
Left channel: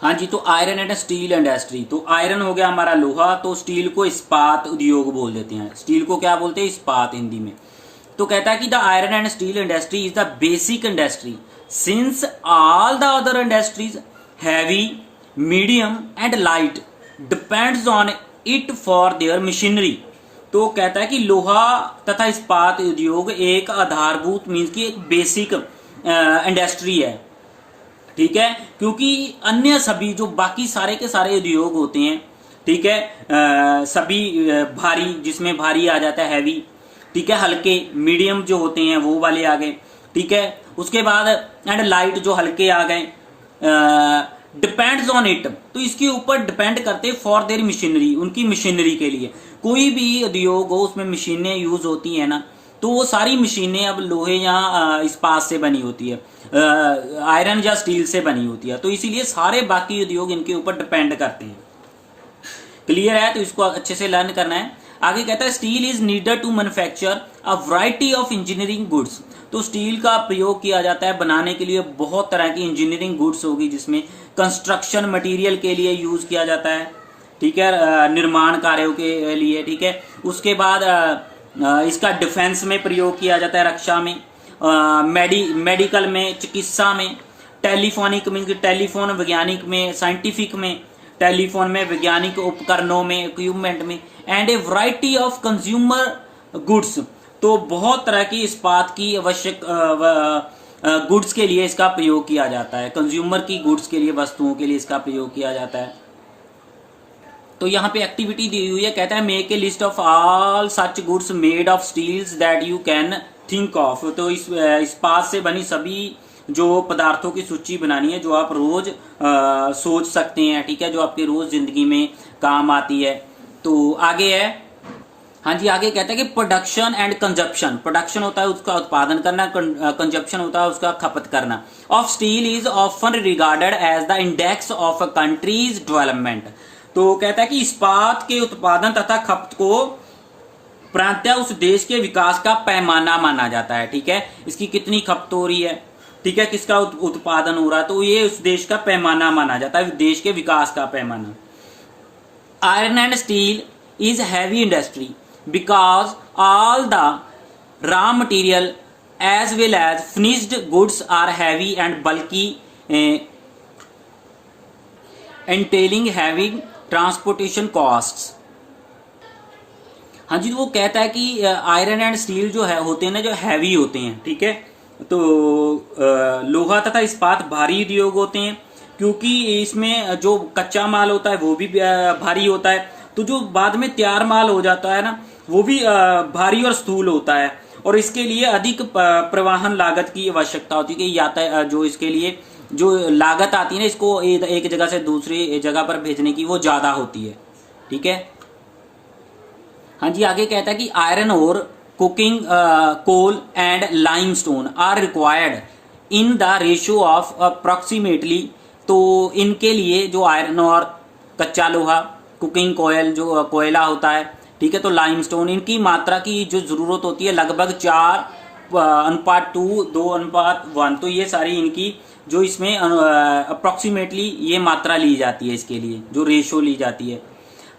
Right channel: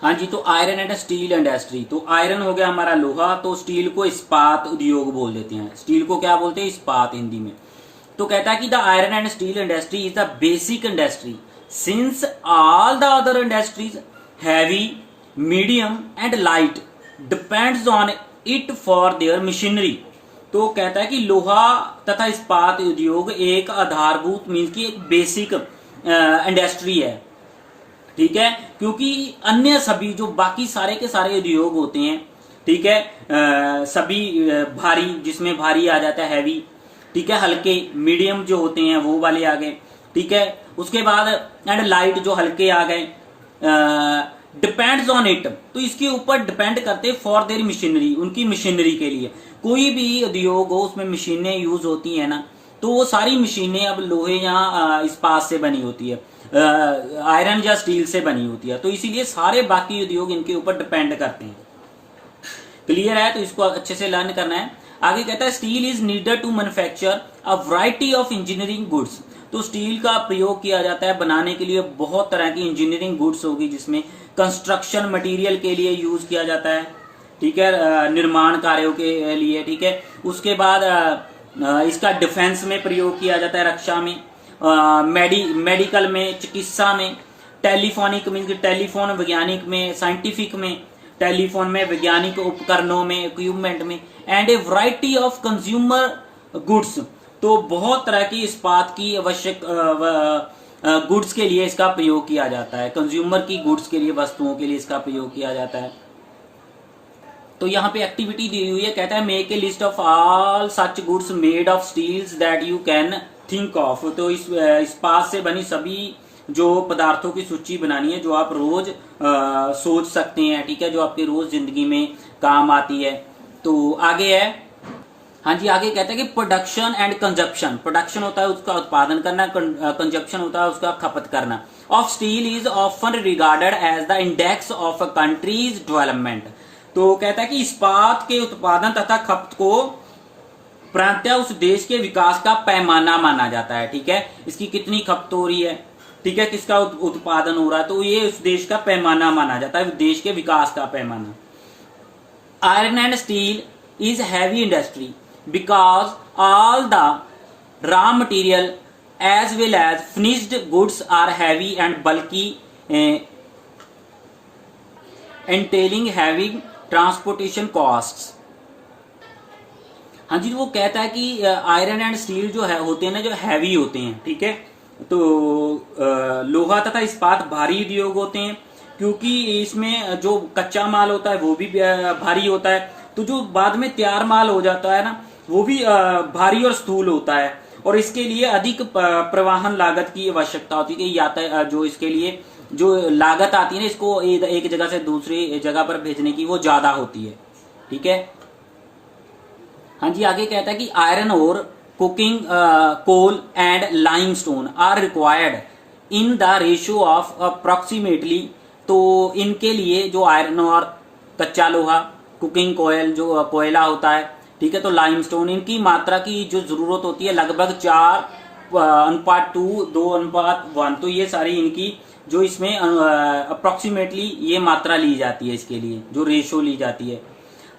हाँ जी, तो आयरन एंड स्टील इंडस्ट्री, तो आयरन हो गया हमारा लोहा, तो स्टील को इस्पात उद्योग बोल देते हैं, स्टील को क्या बोलते हैं, इस्पात हिंदी में। तो कहता है कि the iron and steel industry is the basic industry since all the other industries heavy, medium and light depends on it for their machinery. तो कहता है कि लोहा तथा इस्पात उद्योग एक आधारभूत मीन्स की एक बेसिक इंडस्ट्री है, ठीक है, क्योंकि अन्य सभी जो बाकी सारे के सारे उद्योग होते हैं, ठीक है, सभी भारी, जिसमें भारी आ जाता है हैवी, ठीक है, हल्के मीडियम जो होते हैं वो वाले आ गए, ठीक है, उसके बाद एंड लाइट जो हल्के आ गए, डिपेंड्स ऑन इट, तो इसके ऊपर डिपेंड करते फॉर देयर मशीनरी, उनकी मशीनरी के लिए। कोई भी उद्योग हो उसमें मशीनें यूज होती है ना, तो वो सारी मशीनें अब लोहे या इस्पात से बनी होती है, आयरन या स्टील से बनी होती है, तो इसीलिए सारे बाकी उद्योग इनके ऊपर डिपेंड करते हैं। क्लियर है, तो इसको अच्छे से लर्न करना है। आगे कहता है steel is needed to manufacture a variety of engineering goods, तो स्टील का प्रयोग किया जाता है बनाने के लिए बहुत तरह की इंजीनियरिंग गुड्स होगी, जिसमें कंस्ट्रक्शन मटेरियल के लिए यूज किया जाता है, ठीक है, निर्माण कार्यों के लिए, ठीक है, उसके बाद इसका डिफेंस में प्रयोग किया जाता है, रक्षा में, मेडिकल में, चिकित्सा में, टेलीफोनिक में, टेलीफोन वैज्ञानिक में, साइंटिफिक में, टेलीफोन में, वैज्ञानिक उपकरणों में, इक्विपमेंट में, and A variety of consumer goods, तो बहुत तरह की इस्पात की आवश्यक गुड्स के लिए इसका प्रयोग किया जाता है, कंज्यूमर की गुड्स के लिए, वस्तुओं के लिए इसका प्रयोग किया जाता है। तो यहाँ पे एक्टिविटी दी हुई है, कहता है make a list of all such goods made of steels that you can think of, तो इस इस्पात से बनी सभी जो पदार्थों की सूची बनानी है जो आप रोज सोच सकते हैं, ठीक है, जो आपके रोज जिंदगी में काम आती है। तो आगे है, हाँ जी, आगे कहता है कि प्रोडक्शन एंड कंजप्शन, प्रोडक्शन होता है उसका उत्पादन करना, कंजप्शन होता है उसका खपत करना, of steel is often regarded as the index of a country's development. तो कहता है कि इस्पात के उत्पादन तथा खपत को प्रांतः उस देश के विकास का पैमाना माना जाता है, ठीक है, इसकी कितनी खपत हो रही है, ठीक है, किसका उत्पादन हो रहा है, तो ये उस देश का पैमाना माना जाता है, देश के विकास का पैमाना। Iron and steel is heavy industry because all the raw material as well as finished goods are heavy and bulky entailing heavy transportation costs. हाँ जी, तो वो कहता है कि आयरन एंड स्टील जो है होते हैं ना, जो हैवी होते हैं, ठीक है, तो लोहा तथा इस्पात भारी उद्योग होते हैं, क्योंकि इसमें जो कच्चा माल होता है वो भी भारी होता है, तो जो बाद में तैयार माल हो जाता है ना वो भी भारी और स्थूल होता है, और इसके लिए अधिक परिवहन लागत की आवश्यकता होती है कि यातायात जो इसके लिए जो लागत आती है ना इसको एक जगह से दूसरी जगह पर भेजने की वो ज्यादा होती है, ठीक है। हाँ जी, आगे कहता है कि आयरन और coking coal and limestone are required in the ratio of approximately, तो इनके लिए जो आयरन और कच्चा लोहा, कुकिंग कोयल जो कोयला होता है, ठीक है, तो लाइमस्टोन, इनकी मात्रा की जो जरूरत होती है लगभग 4:2, 2:1, तो ये सारी इनकी जो इसमें अप्रोक्सीमेटली ये मात्रा ली जाती है, इसके लिए जो रेशो ली जाती है।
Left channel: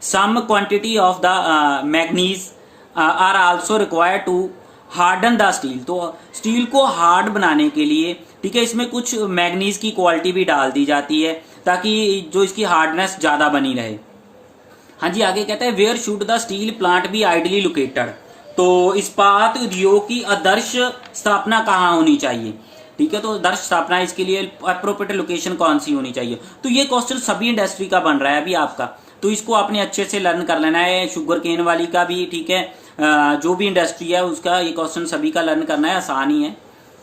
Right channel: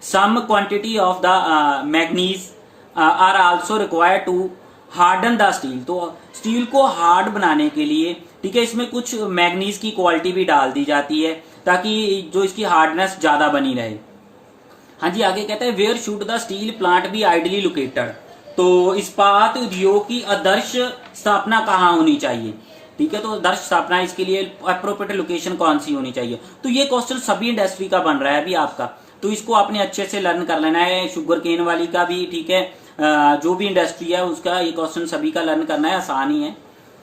Some quantity of the manganese are also required to harden the steel, तो स्टील को हार्ड बनाने के लिए, ठीक है, इसमें कुछ मैग्नीज की क्वालिटी भी डाल दी जाती है ताकि जो इसकी हार्डनेस ज्यादा बनी रहे। हाँ जी, आगे कहता है where should the steel plant be ideally located, तो इस्पात उद्योग की आदर्श स्थापना कहाँ होनी चाहिए, ठीक है। तो दर्श स्थापना इसके लिए अप्रोप्रिएट लोकेशन कौन सी होनी चाहिए। तो ये क्वेश्चन सभी इंडस्ट्री का बन रहा है अभी आपका, तो इसको आपने अच्छे से लर्न कर लेना है। शुगर केन वाली का भी, ठीक है, जो भी इंडस्ट्री है उसका ये क्वेश्चन सभी का लर्न करना है, आसान ही है।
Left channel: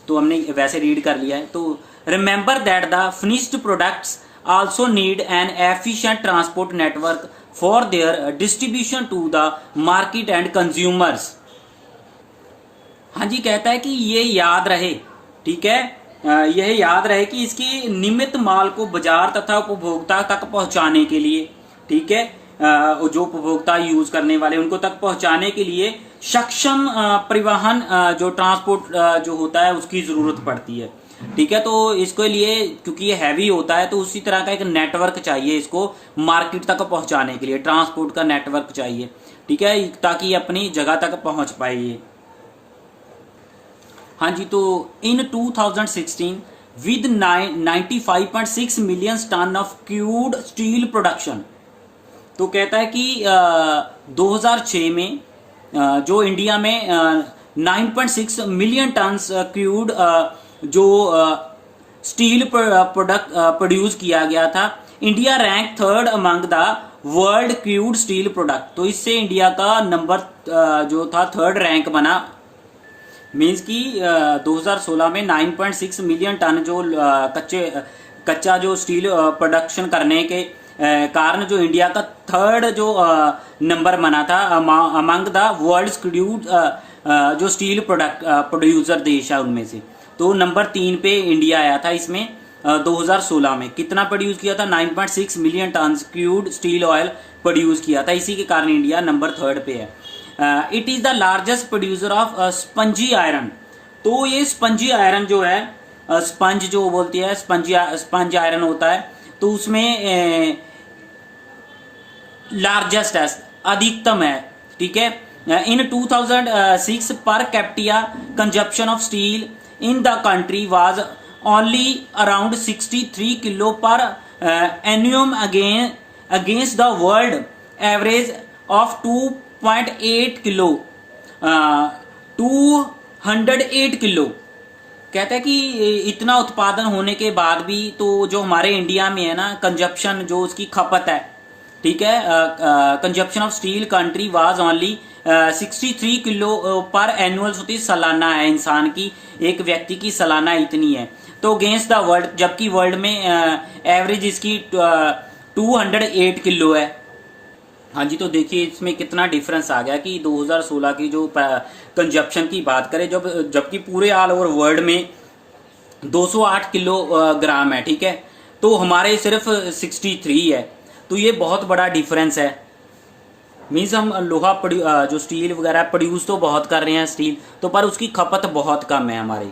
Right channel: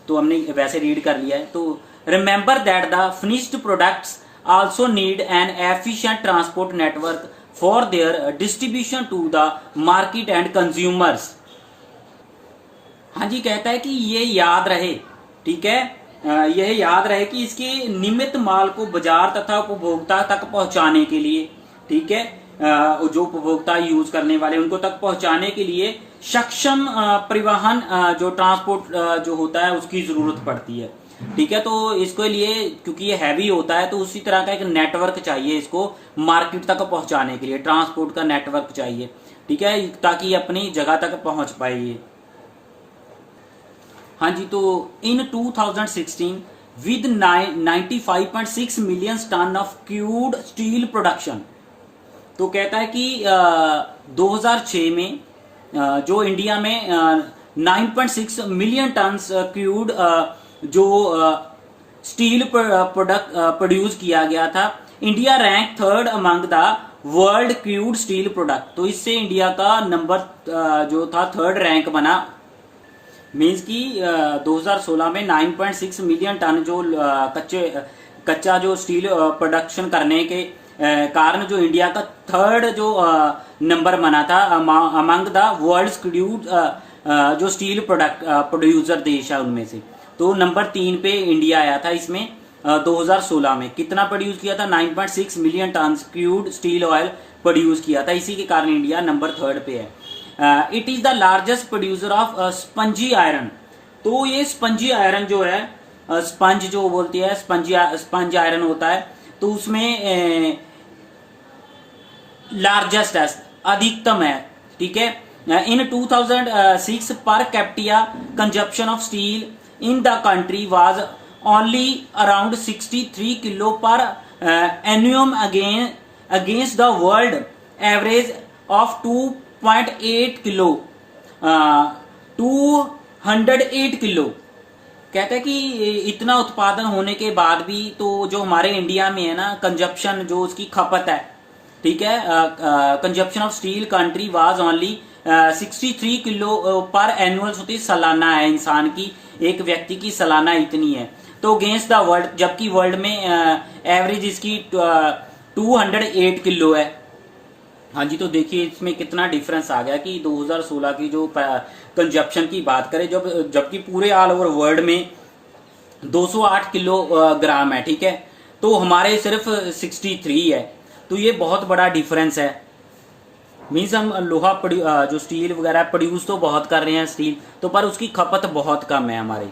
तो हमने वैसे रीड कर लिया है। तो remember that the finished products also need an efficient transport network for their distribution to the market and consumers. हाँ जी, कहता है कि ये याद रहे, ठीक है, यह याद रहे कि इसके निमित्त माल को बाजार तथा उपभोक्ता तक पहुंचाने के लिए, ठीक है, जो उपभोक्ता यूज करने वाले उनको तक पहुंचाने के लिए सक्षम परिवहन जो ट्रांसपोर्ट जो होता है उसकी जरूरत पड़ती है, ठीक है। तो इसके लिए क्योंकि ये हैवी होता है तो उसी तरह का एक नेटवर्क चाहिए इसको मार्केट तक पहुंचाने के लिए, ट्रांसपोर्ट का नेटवर्क चाहिए, ठीक है, ताकि ये अपनी जगह तक पहुंच पाए ये। हाँ जी, तो in 2016 with 95.6 million ton of crude steel production, तो कहता है कि 2006 में जो इंडिया में 9.6 मिलियन टन क्रूड जो स्टील प्रोड्यूस किया गया था, India rank third among the world crude steel product. तो इससे इंडिया का नंबर जो था थर्ड रैंक बना। मीन्स कि 2016 में 9.6 मिलियन टन जो कच्चा जो स्टील प्रोडक्शन करने के कारण जो इंडिया का थर्ड जो नंबर बना था अमंग द वर्ल्ड क्रूड जो स्टील प्रोड्यूसर देश है उनमें से, तो नंबर 3 पे इंडिया आया था इसमें। 2016 में कितना प्रोड्यूस किया था, 9.6 million ton crude steel oil produce किया था, इसी के कारण इंडिया नंबर 3 पे है। It is the largest producer of spongy iron. तो ये स्पंजी आयरन जो है, स्पंज जो बोलती है, स्पंज आयरन होता है, तो उसमें लार्जेस्ट है, अधिकतम है, ठीक है। In 2006 per capita consumption of steel in the country was only around 63 kilo per annum against the world average of 2.8 kilo 208 kilo. कहता है कि इतना उत्पादन होने के बाद भी तो जो हमारे इंडिया में है ना कंजप्शन जो उसकी खपत है, ठीक है, consumption of steel country was only 63 kilo पर एनुअल होती सालाना है इंसान की, एक व्यक्ति की सालाना इतनी है। तो अगेंस्ट द वर्ल्ड, जबकि वर्ल्ड में एवरेज इसकी 208 किलो है। हाँ जी, तो देखिए इसमें कितना डिफरेंस आ गया कि 2016 की जो कंजप्शन की बात करें, जबकि पूरे ऑल ओवर वर्ल्ड में 208 किलोग्राम है, ठीक है, तो हमारे सिर्फ 63 है। तो ये बहुत बड़ा डिफरेंस है। मीन्स हम लोहा जो स्टील वगैरह प्रोड्यूस तो बहुत कर रहे हैं स्टील तो, पर उसकी खपत बहुत कम है हमारी।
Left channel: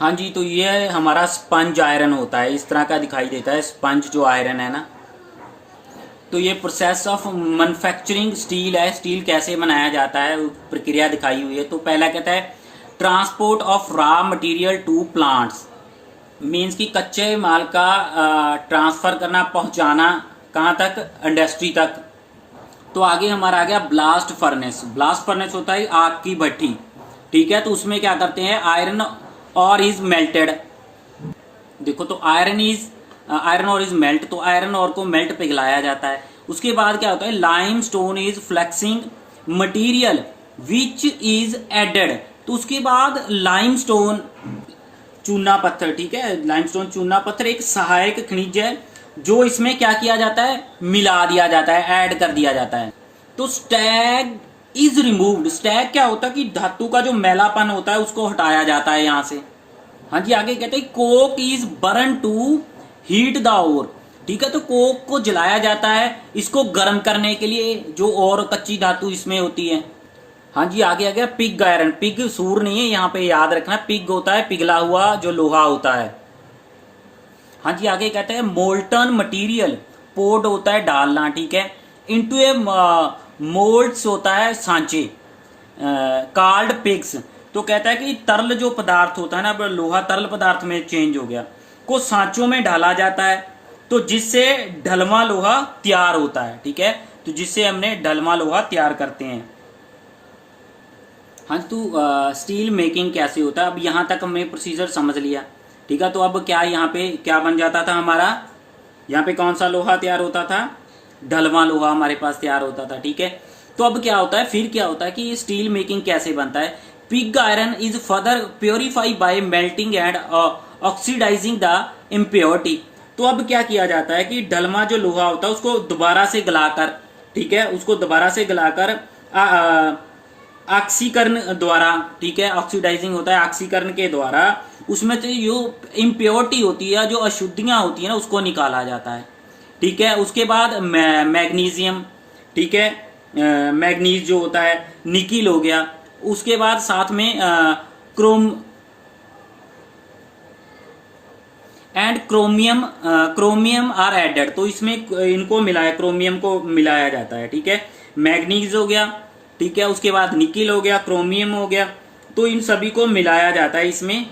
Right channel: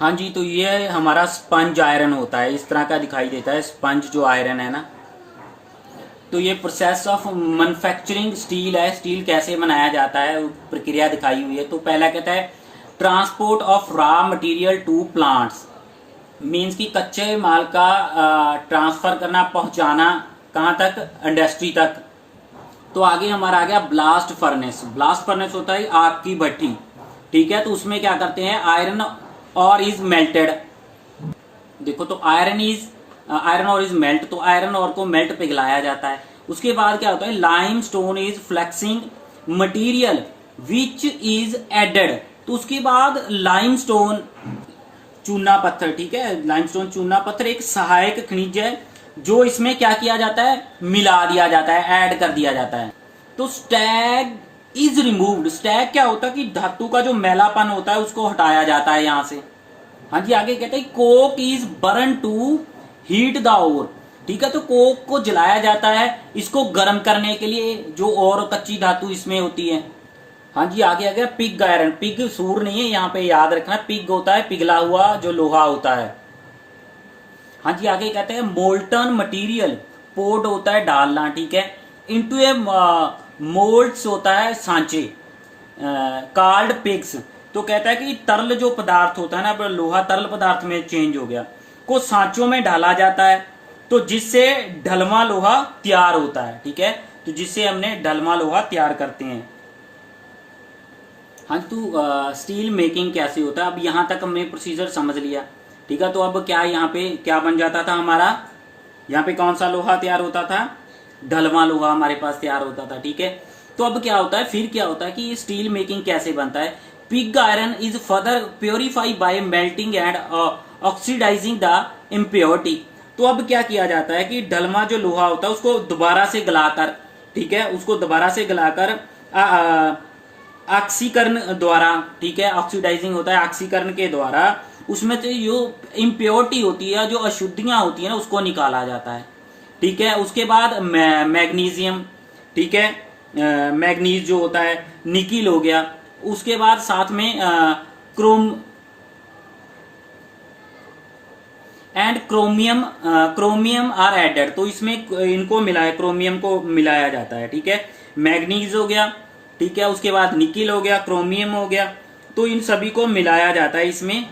हाँ जी, तो ये हमारा स्पंज आयरन होता है, इस तरह का दिखाई देता है स्पंज जो आयरन है ना। तो ये प्रोसेस ऑफ मैन्युफैक्चरिंग स्टील है, स्टील कैसे बनाया जाता है प्रक्रिया दिखाई हुई है। तो पहला कहता है transport of raw material to plants, means कि कच्चे माल का ट्रांसफर करना, पहुंचाना कहाँ तक, इंडस्ट्री तक। तो आगे हमारा आ गया ब्लास्ट फर्नेस। ब्लास्ट फर्नेस होता है आग की भट्टी, ठीक है। तो उसमें क्या करते हैं, आयरन और इज मेल्टेड। देखो तो आयरन और इज मेल्ट, तो आयरन और को मेल्ट पिघलाया जाता है। उसके बाद क्या होता है, limestone is fluxing material which is added. तो उसके बाद लाइम स्टोन चूना पत्थर, ठीक है, लाइम स्टोन चूना पत्थर एक सहायक खनिज है जो इसमें क्या किया जाता है, मिला दिया जाता है, ऐड कर दिया जाता है। तो स्टैग इज रिमूव्ड। स्टैग क्या होता है कि धातु का जो मैलापन होता है उसको हटाया जाता है यहां से। हाँ जी, आगे कहते हैं coke is burn to heat the ore, ठीक है। तो कोक को जलाया जाता है इसको गर्म करने के लिए, जो और कच्ची धातु इसमें होती है। हाँ जी, आगे आ गया पिग आयरन। पिग सूर नहीं है यहाँ पे, याद रखना, पिग होता है पिघला हुआ जो लोहा होता है। हाँ जी, आगे कहते हैं मोल्टन मटेरियल, पोर्ड होता है डालना, ठीक है, इनटू ए मोल्ड्स होता है सांचे, कार्ड पिग्स। तो कहता है कि तरल जो पदार्थ होता है ना, अब लोहा तरल पदार्थ में चेंज हो गया, को सांचों में ढाला जाता है, तो जिससे ढलवा लोहा तैयार होता है, ठीक है। तो जिससे हमने ढलवा लोहा तैयार करते हैं। हाँ तो स्टील मेकिंग कैसे होता है, अब यहाँ तक हमने प्रोसीजर समझ लिया, ठीक है। तो अब क्या यहाँ पे क्या बन जाता था हमारा, यहाँ पे कौन सा लोहा तैयार होता था, ढलवा लोहा हमारे पास तैयार होता था, ठीक है। तो अब क्या होता है, फिर क्या होता है कि स्टील मेकिंग कैसे बनता है, pig iron is further purified by melting and oxidising the impurity. तो अब क्या किया जाता है कि ढलवा जो लोहा होता है उसको दोबारा से गलाकर, ठीक है, उसको दोबारा से गलाकर ऑक्सीकरण द्वारा, ठीक है, ऑक्सीडाइजिंग होता है ऑक्सीकरण के द्वारा, उसमें से जो इम्प्योरिटी होती है, जो अशुद्धियां होती है ना, उसको निकाला जाता है, ठीक है। उसके बाद मैग्नीशियम, ठीक है, मैग्नीज जो होता है, निकिल हो गया, उसके बाद साथ में क्रोमियम आर एडेड, तो इसमें इनको मिलाया, क्रोमियम को मिलाया जाता है, ठीक है। मैग्नीज हो गया, ठीक है, उसके बाद निकिल हो गया, क्रोमियम हो गया, तो इन सभी को मिलाया जाता है इसमें।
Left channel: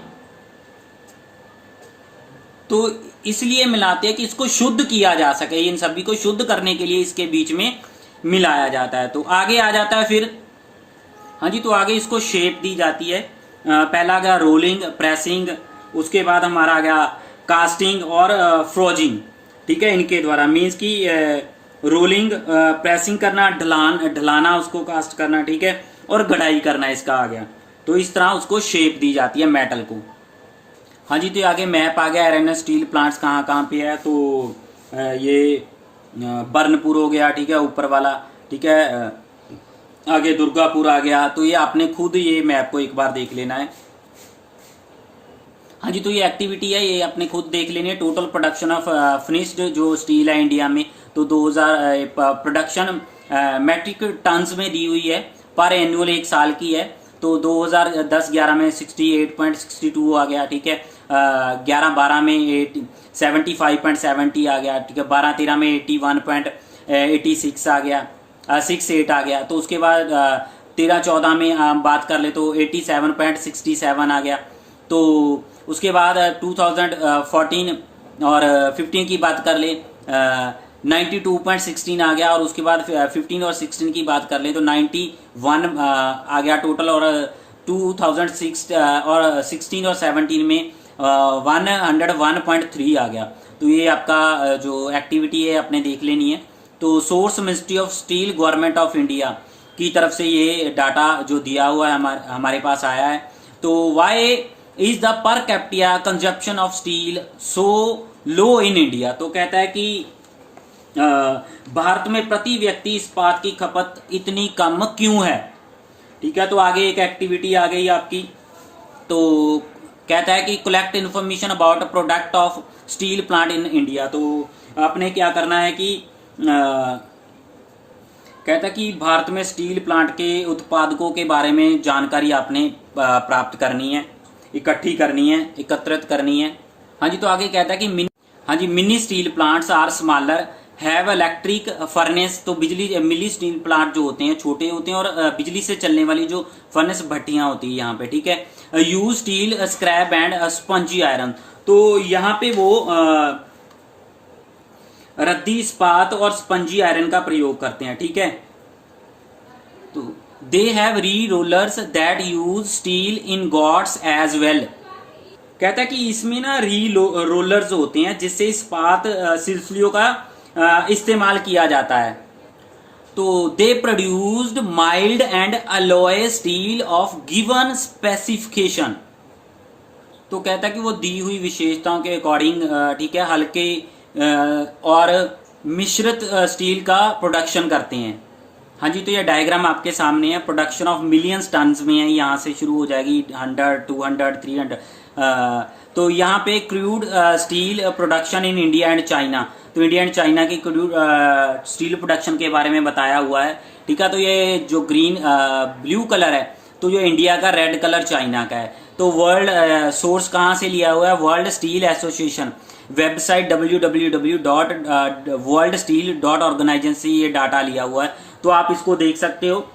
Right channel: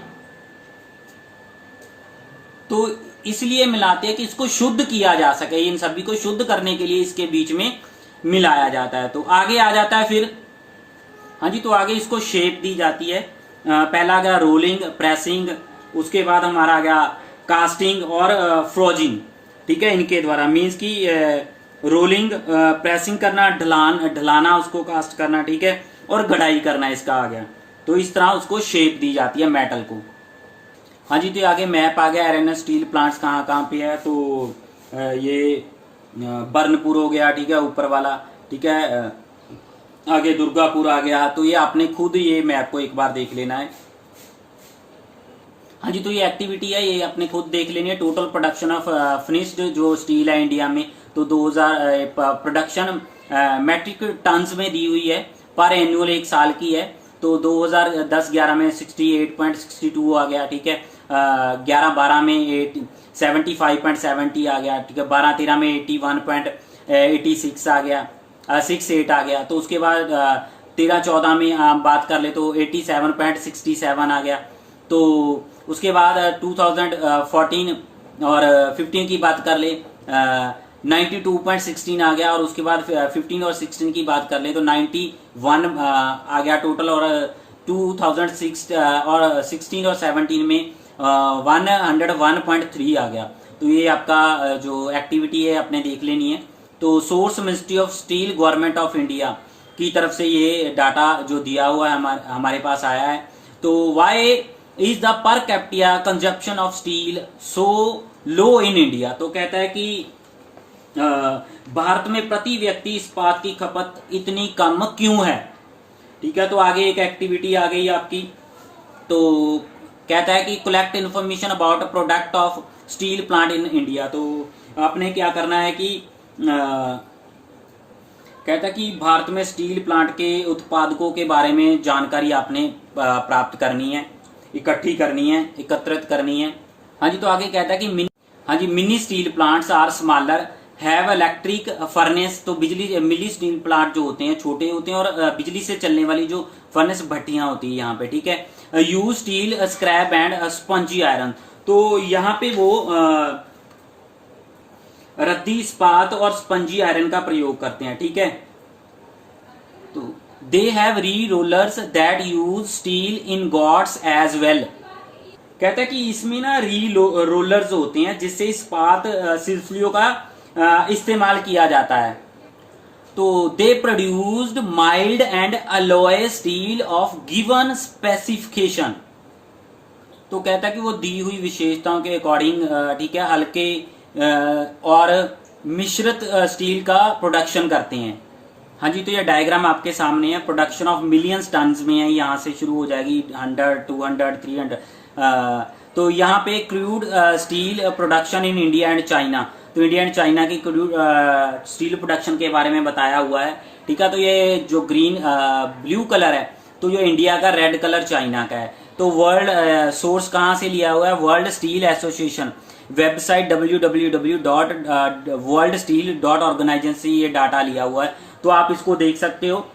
तो इसलिए मिलाते हैं कि इसको शुद्ध किया जा सके, इन सभी को शुद्ध करने के लिए इसके बीच में मिलाया जाता है। तो आगे आ जाता है फिर, हाँ जी, तो आगे इसको शेप दी जाती है। पहला आ गया रोलिंग, प्रेसिंग, उसके बाद हमारा आ गया कास्टिंग और फ्रोजिंग, ठीक है, इनके द्वारा मीन्स की रोलिंग, प्रेसिंग करना, ढलाना, उसको कास्ट करना, ठीक है, और गढ़ाई करना, इसका आ गया। तो इस तरह उसको शेप दी जाती है मेटल को। हाँ जी, तो आगे मैप आ गया आयरन स्टील प्लांट्स कहाँ कहाँ पे है। तो ये बर्नपुर हो गया, ठीक है, ऊपर वाला, ठीक है, आगे दुर्गापुर आ गया। तो ये आपने खुद ये मैप को एक बार देख लेना है। हाँ जी, तो ये एक्टिविटी है, ये आपने खुद देख लेनी है। टोटल प्रोडक्शन ऑफ फिनिश्ड जो स्टील है इंडिया में, तो 2000 प्रोडक्शन मैट्रिक टन्स में दी हुई है, पर एनुअल एक साल की है। तो 2010-11 में 68.62 आ गया, ठीक है, 11-12 में 75.70 आ गया, ठीक है, 12-13 में 81.86 आ गया, 68 आ गया। तो उसके बाद 13-14 में बात कर ले तो 87.67 आ गया। तो उसके बाद 2014 और 15 की बात कर ले 92.16 आ गया, और उसके बाद 15 और 16 की बात कर ले तो 91 आ गया टोटल, और 2006 और 16 और 17 में 101.3 आ गया। तो ये आपका जो एक्टिविटी है आपने देख लेनी है। तो source ministry of steel government of India की तरफ से ये डाटा जो दिया हुआ है हमारे पास आया है। तो why is the per capita consumption of steel so low in India. तो कहता है कि भारत में प्रति व्यक्ति इस्पात की खपत इतनी कम क्यों है, ठीक है। तो आगे एक एक्टिविटी आ गई आपकी। तो कहता है कि collect information about product of steel plant in India. तो आपने क्या करना है कि कहता है कि भारत में स्टील प्लांट के उत्पादकों के बारे में जानकारी आपने प्राप्त करनी है, इकट्ठी करनी है, एकत्रित करनी है। हाँ जी, तो आगे कहता है कि mini steel plants are smaller have electric furnace. तो बिजली मिनी स्टील प्लांट जो होते हैं छोटे होते हैं, और बिजली से चलने वाली जो फर्नेस भट्टियां होती है यहाँ पे, ठीक है। Use steel scrap and spongy iron. तो यहाँ पे वो रद्दी इस्पात और स्पंजी आयरन का प्रयोग करते हैं, ठीक है। तो they have re rollers that use steel ingots as well. कहता है कि इसमें ना री रोलर्स होते हैं जिससे इस्पात सिलसिलों का इस्तेमाल किया जाता है। तो दे produced mild and alloy steel of given specification. तो कहता है कि वो दी हुई विशेषताओं के अकॉर्डिंग, ठीक है, हल्के और मिश्रित स्टील का प्रोडक्शन करते हैं। हाँ जी, तो ये डायग्राम आपके सामने है। प्रोडक्शन ऑफ मिलियंस टन्स में है, यहाँ से शुरू हो जाएगी 100, 200, 300। तो यहाँ पे crude steel production in India and China. तो इंडिया एंड चाइना की क्रूड स्टील प्रोडक्शन के बारे में बताया हुआ है, ठीक है। तो ये जो ग्रीन ब्लू कलर है, तो जो इंडिया का, रेड कलर चाइना का है। तो वर्ल्ड सोर्स कहाँ से लिया हुआ है, world steel association website www.worldsteel.org से ये डाटा लिया हुआ है। तो आप इसको देख सकते हो,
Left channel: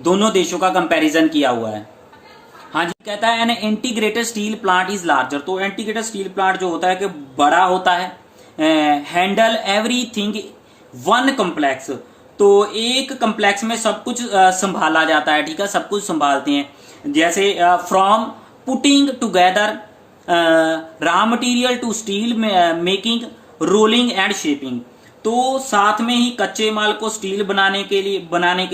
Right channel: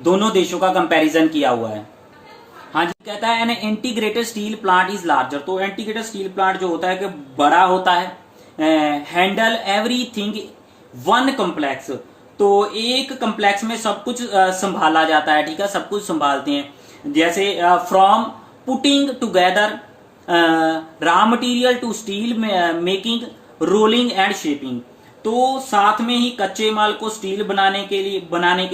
दोनों देशों का कंपैरिजन किया हुआ है। हाँ जी, कहता है an integrated steel plant is larger. तो इंटीग्रेटेड स्टील प्लांट जो होता है कि बड़ा होता है, हैंडल एवरीथिंग वन कॉम्प्लेक्स। तो एक कम्प्लेक्स में सब कुछ संभाला जाता है, ठीक है, सब कुछ संभालते हैं। जैसे from putting together raw material to steel making, rolling and shaping. तो साथ में ही कच्चे माल को स्टील बनाने के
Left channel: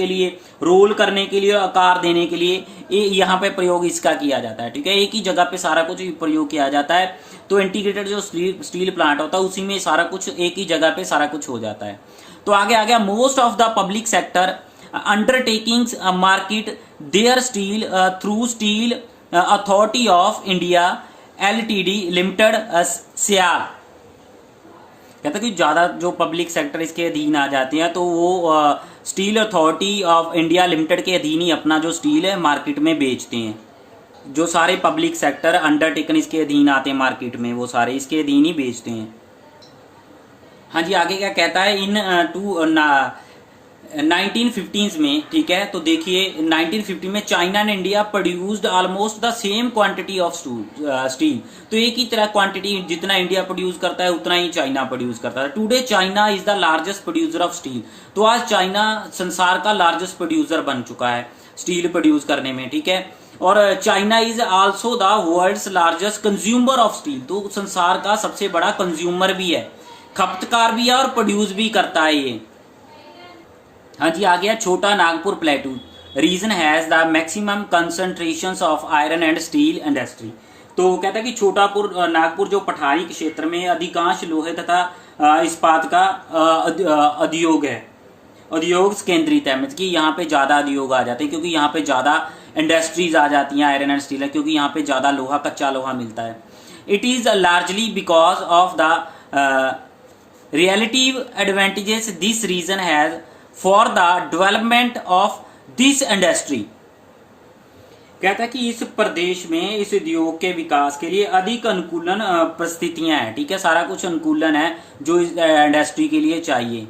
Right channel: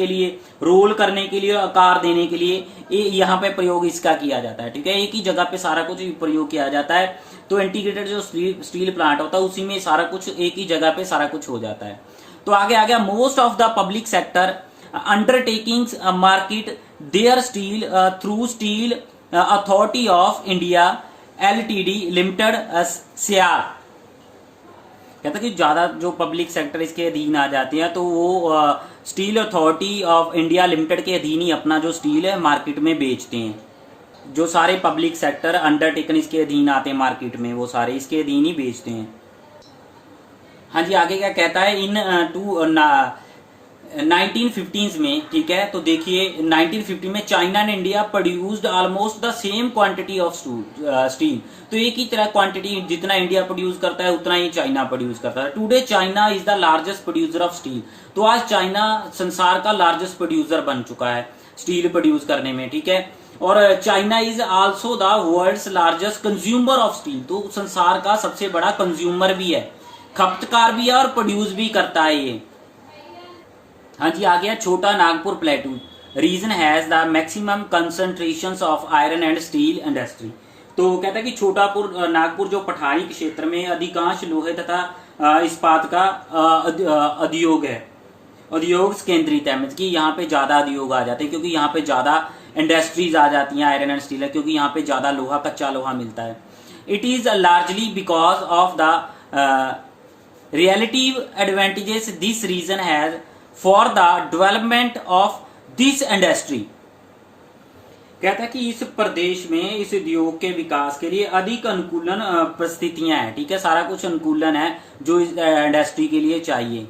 लिए रोल करने के लिए, आकार देने के लिए यहाँ पे प्रयोग इसका किया जाता है, ठीक है। एक ही जगह पे सारा कुछ प्रयोग किया जाता है। तो इंटीग्रेटेड जो स्टील प्लांट होता है उसी में सारा कुछ एक ही जगह पे सारा कुछ हो जाता है। तो आगे आ गया, most of the public sector undertakings market their steel through steel authority of India LTD limited सियार। कहता है कि ज्यादा जो पब्लिक सेक्टर इसके अधीन आ जाते हैं तो वो steel authority of India limited के अधीन ही अपना जो स्टील है मार्केट में बेचते हैं। जो सारे पब्लिक सेक्टर अंडरटेकन इसके अधीन आते हैं मार्केट में, वो सारे इसके अधीन ही बेचते हैं। हाँ जी, आगे क्या कहता है, इन 1915 में, ठीक है। तो देखिए 1950 में China and India produced almost the same quantity of steel. तो एक ही तरह क्वांटिटी जितना इंडिया प्रोड्यूस करता है उतना ही चाइना प्रोड्यूस करता है। Today China is the largest producer of steel. तो आज चाइना संसार का लार्जेस्ट प्रोड्यूसर बन चुका है स्टील प्रोड्यूस करने में, ठीक है। और China is also the world's largest consumer of steel. तो संसार का सबसे बड़ा कंज्यूमर भी है, खपतकार भी है और प्रोड्यूस भी करता है ये। हाँ जी, आ गया Chota Nagpur plateau. Region has the maximum concentration of iron and steel industry. तो कहता है कि छोटापुर नागपुर जो पठारी के क्षेत्र में अधिकांश लोहे तथा इस्पात का उद्योग है, उद्योग केंद्रित है। मतलब कि यहाँ पे ज्यादा उद्योग आ जाते हैं क्योंकि यहाँ पे ज्यादा इंडस्ट्रीज आ जाती हैं आयरन एंड स्टील, क्योंकि यहाँ पे ज्यादा लोहा, कच्चा लोहा मिलता है। It is largely because of the relative advantages this region has for the development of this industry. कहता है कि इस प्रदेश में इस उद्योग के विकास के लिए अधिक अनुकूलन परिस्थितियां हैं, ठीक है। सारा कुछ अनुकूलन है जो इस इंडस्ट्री के लिए चाहिए।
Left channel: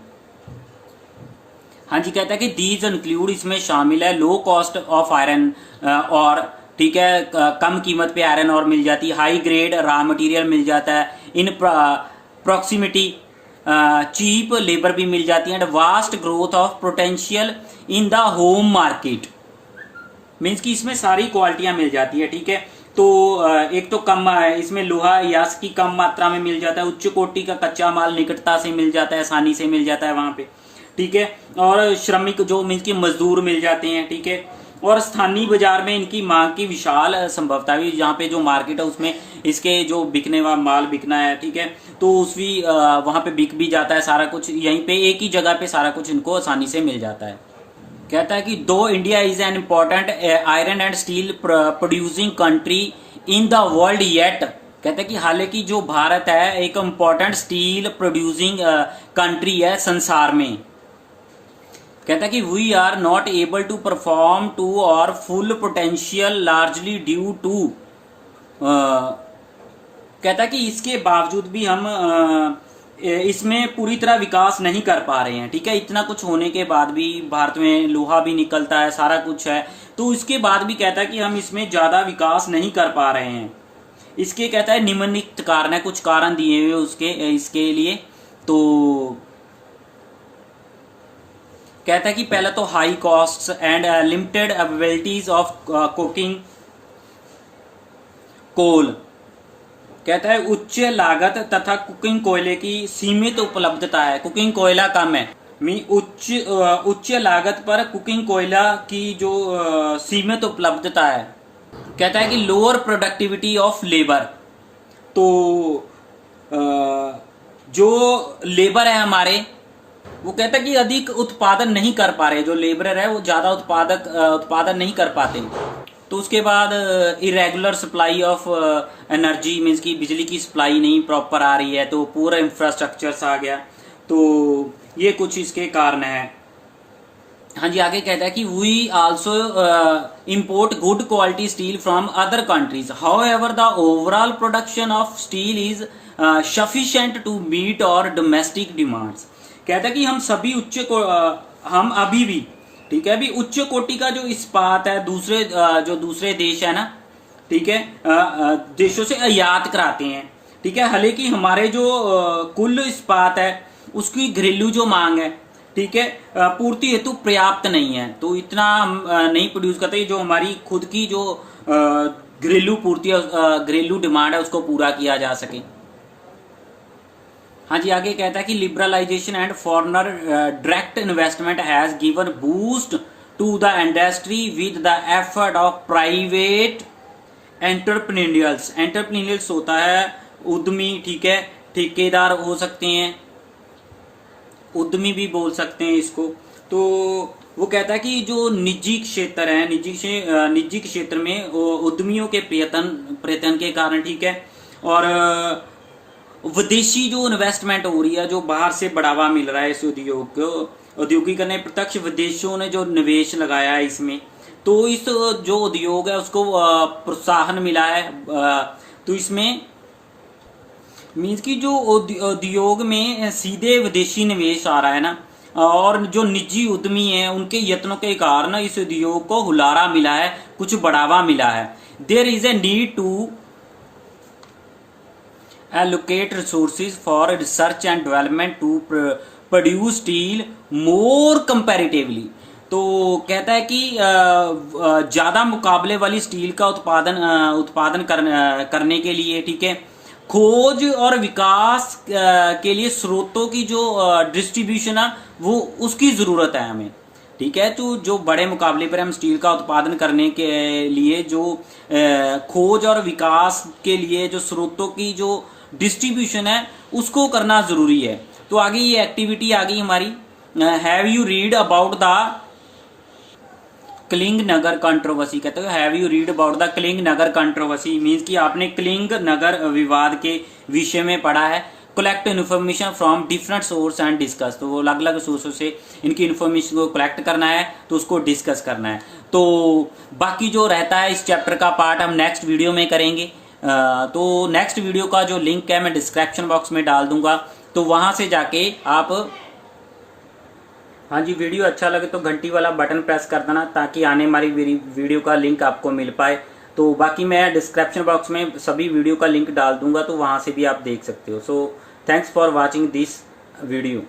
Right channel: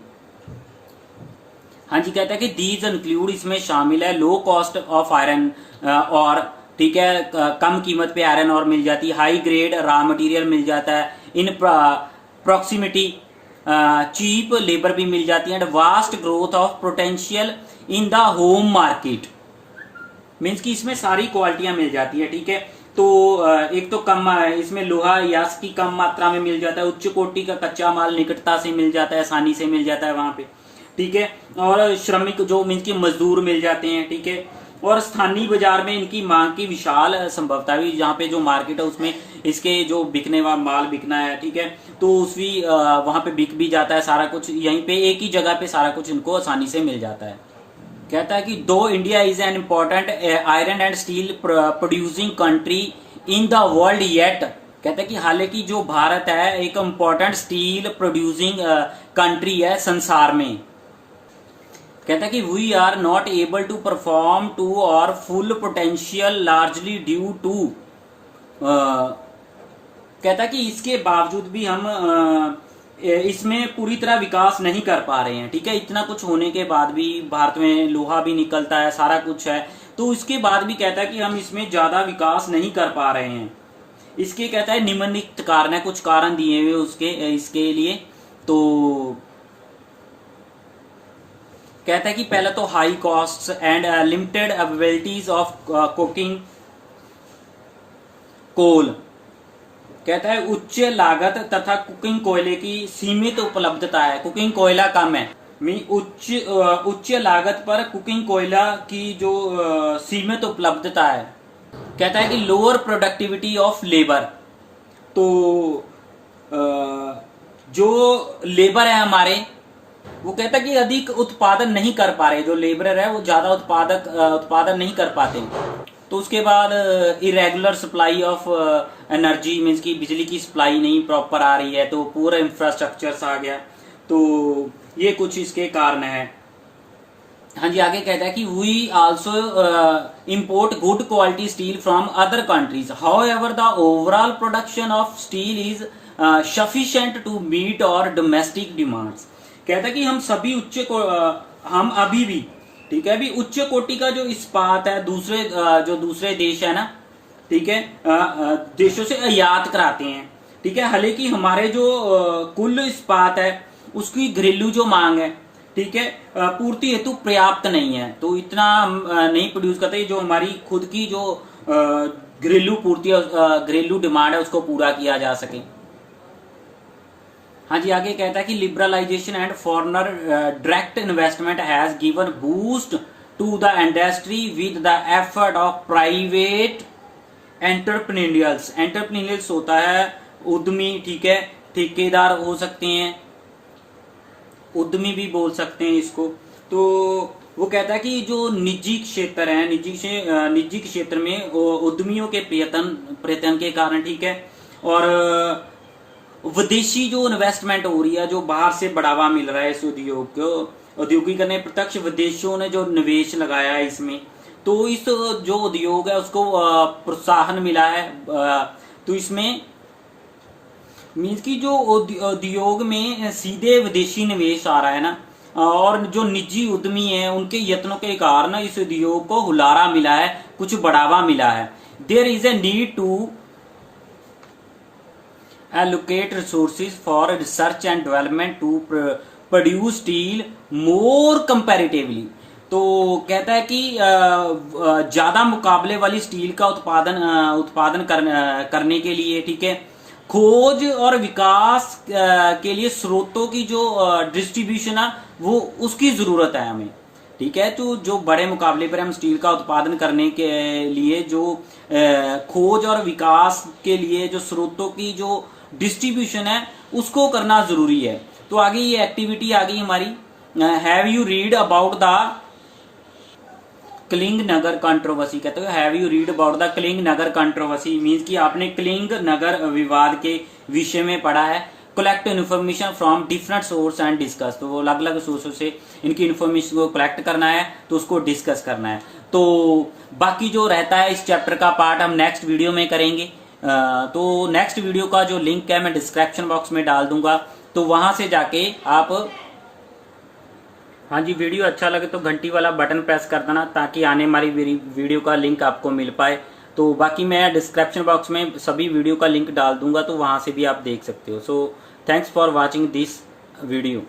हाँ जी, कहता है कि दीज इंक्लूड, इसमें शामिल है लो कॉस्ट ऑफ आयरन और, ठीक है, कम कीमत पे आयरन और मिल जाती है। हाई ग्रेड रॉ मटेरियल मिल जाता है। इन प्रॉक्सिमिटी चीप लेबर भी मिल जाती है। And vast growth of potential in the home market, means कि इसमें सारी क्वालिटियां मिल जाती है, ठीक है। तो एक तो कम इसमें लोहा यास की कम मात्रा में मिल जाता है। उच्च कोटि का कच्चा माल निकटता से मिल जाता है, आसानी से मिल जाता है वहां पे, ठीक है। और श्रमिक जो मीन्स की मजदूर मिल जाते हैं, ठीक है। और स्थानीय बाजार में इनकी मांग की विशाल संभवता भी, जहाँ पे जो मार्केट है उसमें इसके जो बिकने वाला माल बिकना है, ठीक है। तो उसकी वहां पे बिक भी जाता है सारा कुछ, यहीं पे एक ही जगह पे सारा कुछ इनको आसानी से मिल जाता है। कहता है कि दो India is an important iron and steel producing country in the world yet. कहता है कि हालांकि जो भारत है एक इम्पोर्टेंट स्टील प्रोड्यूसिंग कंट्री है संसार में। कहता है कि we are not able to perform to our full potential largely due to, कहता है कि इसके बावजूद भी हम इसमें पूरी तरह विकास नहीं कर पा रहे हैं, ठीक है। इतना कुछ होने के बाद भी भारत में लोहा भी निकलता है, सारा कुछ है, तो इसके बाद भी कहता है कि हम इसमें ज्यादा विकास नहीं कर पा रहे हैं। इसके कहता है निम्नलिखित कारण है, कुछ कारण दिए हुए उसके इसके लिए। तो कहता है कि पहला तो high costs and limited availabilities of coking coal. कहता है उच्च लागत तथा कुकिंग कोयले की सीमित उपलब्धता है। कुकिंग कोयला कम है, उच्च लागत पर कुकिंग कोयला की जो सीमित उपलब्धता है। कहता है कि लोअर प्रोडक्टिविटी ऑफ लेबर। तो जो लेबर है हमारे, वो कहता है कि अधिक उत्पादन नहीं कर पा रहे, जो लेबर है वो ज्यादा उत्पादन नहीं कर पाते। तो उसके बाद irregular supply of energy, means की बिजली की सप्लाई नहीं प्रॉपर आ रही है, तो पूरा इंफ्रास्ट्रक्चर आ गया। तो ये कुछ इसके कारण है। हाँ जी, आगे कहता है कि we also import good quality steel from other countries, however the overall production of steel is sufficient to meet our domestic demands. कहता है कि हम सभी हम अभी भी, ठीक है, अभी उच्च कोटि का जो इस्पात है दूसरे देश है ना, ठीक है, देशों से आयात कराते हैं, ठीक है। हालांकि हमारे जो कुल इस्पात है उसकी घरेलू जो मांग है ठीक है, पूर्ति हेतु पर्याप्त नहीं है, तो इतना नहीं प्रोड्यूस करते जो हमारी खुद की जो घरेलू पूर्ति घरेलू डिमांड है उसको पूरा किया जा सके। हाँ जी, आगे कहता है कि liberalisation and foreigner direct investment has given boost to the industry with the effort of private entrepreneurs. Entrepreneurs होता है उद्यमी, ठीक है, ठेकेदार हो सकते हैं, उद्यमी भी बोल सकते हैं इसको। तो वो कहता है कि जो निजी क्षेत्र है, निजी क्षेत्र में उद्यमियों के प्रयत्न के कारण, ठीक है, और विदेशी जो इन्वेस्टमेंट हो रही है, जो बाहर से बढ़ावा मिल रहा है इस उद्योग को, औद्योगिकरण प्रत्यक्ष विदेशों ने जो निवेश लगाया है इसमें, तो इस जो उद्योग है उसको प्रोत्साहन मिला है। तो इसमें मीन्स की जो उद्योग में सीधे विदेशी निवेश आ रहा है ना, और जो निजी उद्यमी हैं उनके यत्नों के कारण इस उद्योग को हुलारा मिला है, कुछ बढ़ावा मिला है। There is a need to allocate resources for research and development to produce steel more comparatively। तो कहता है कि ज्यादा मुकाबले वाली स्टील का उत्पादन करने के लिए, ठीक है, खोज और विकास के लिए स्रोतों की जो डिस्ट्रीब्यूशन है वो उसकी जरूरत है हमें, ठीक है। तो जो बड़े मुकाबले पर हम स्टील का उत्पादन करने के लिए जो खोज और विकास के लिए जो स्रोतों की जो डिस्ट्रीब्यूशन है उसको करना जरूरी है। तो आगे ये एक्टिविटी आ गई हमारी, have you read about the Kalinga Nagar controversy. कहते हैं have you read about the Kalinga Nagar controversy, मीन्स कि आपने कलिंग नगर विवाद के विषय में पढ़ा है। Collect information from different source and discuss, तो वो अलग अलग सोर्सों से इनकी इन्फॉर्मेशन को कलेक्ट करना है, तो उसको डिस्कस करना है। तो बाकी जो रहता है इस चैप्टर का पार्ट हम नेक्स्ट वीडियो में करेंगे। तो नेक्स्ट वीडियो का जो लिंक है मैं डिस्क्रिप्शन बॉक्स में डाल दूंगा, तो वहां से जाके आप, हाँ जी, वीडियो अच्छा लगे तो घंटी वाला बटन प्रेस कर देना ताकि आने वाली वीडियो का लिंक आपको मिल पाए। तो बाकी मैं डिस्क्रिप्शन बॉक्स में सभी वीडियो का लिंक डाल दूंगा, तो वहां से भी आप देख सकते हो। So thanks for watching this video.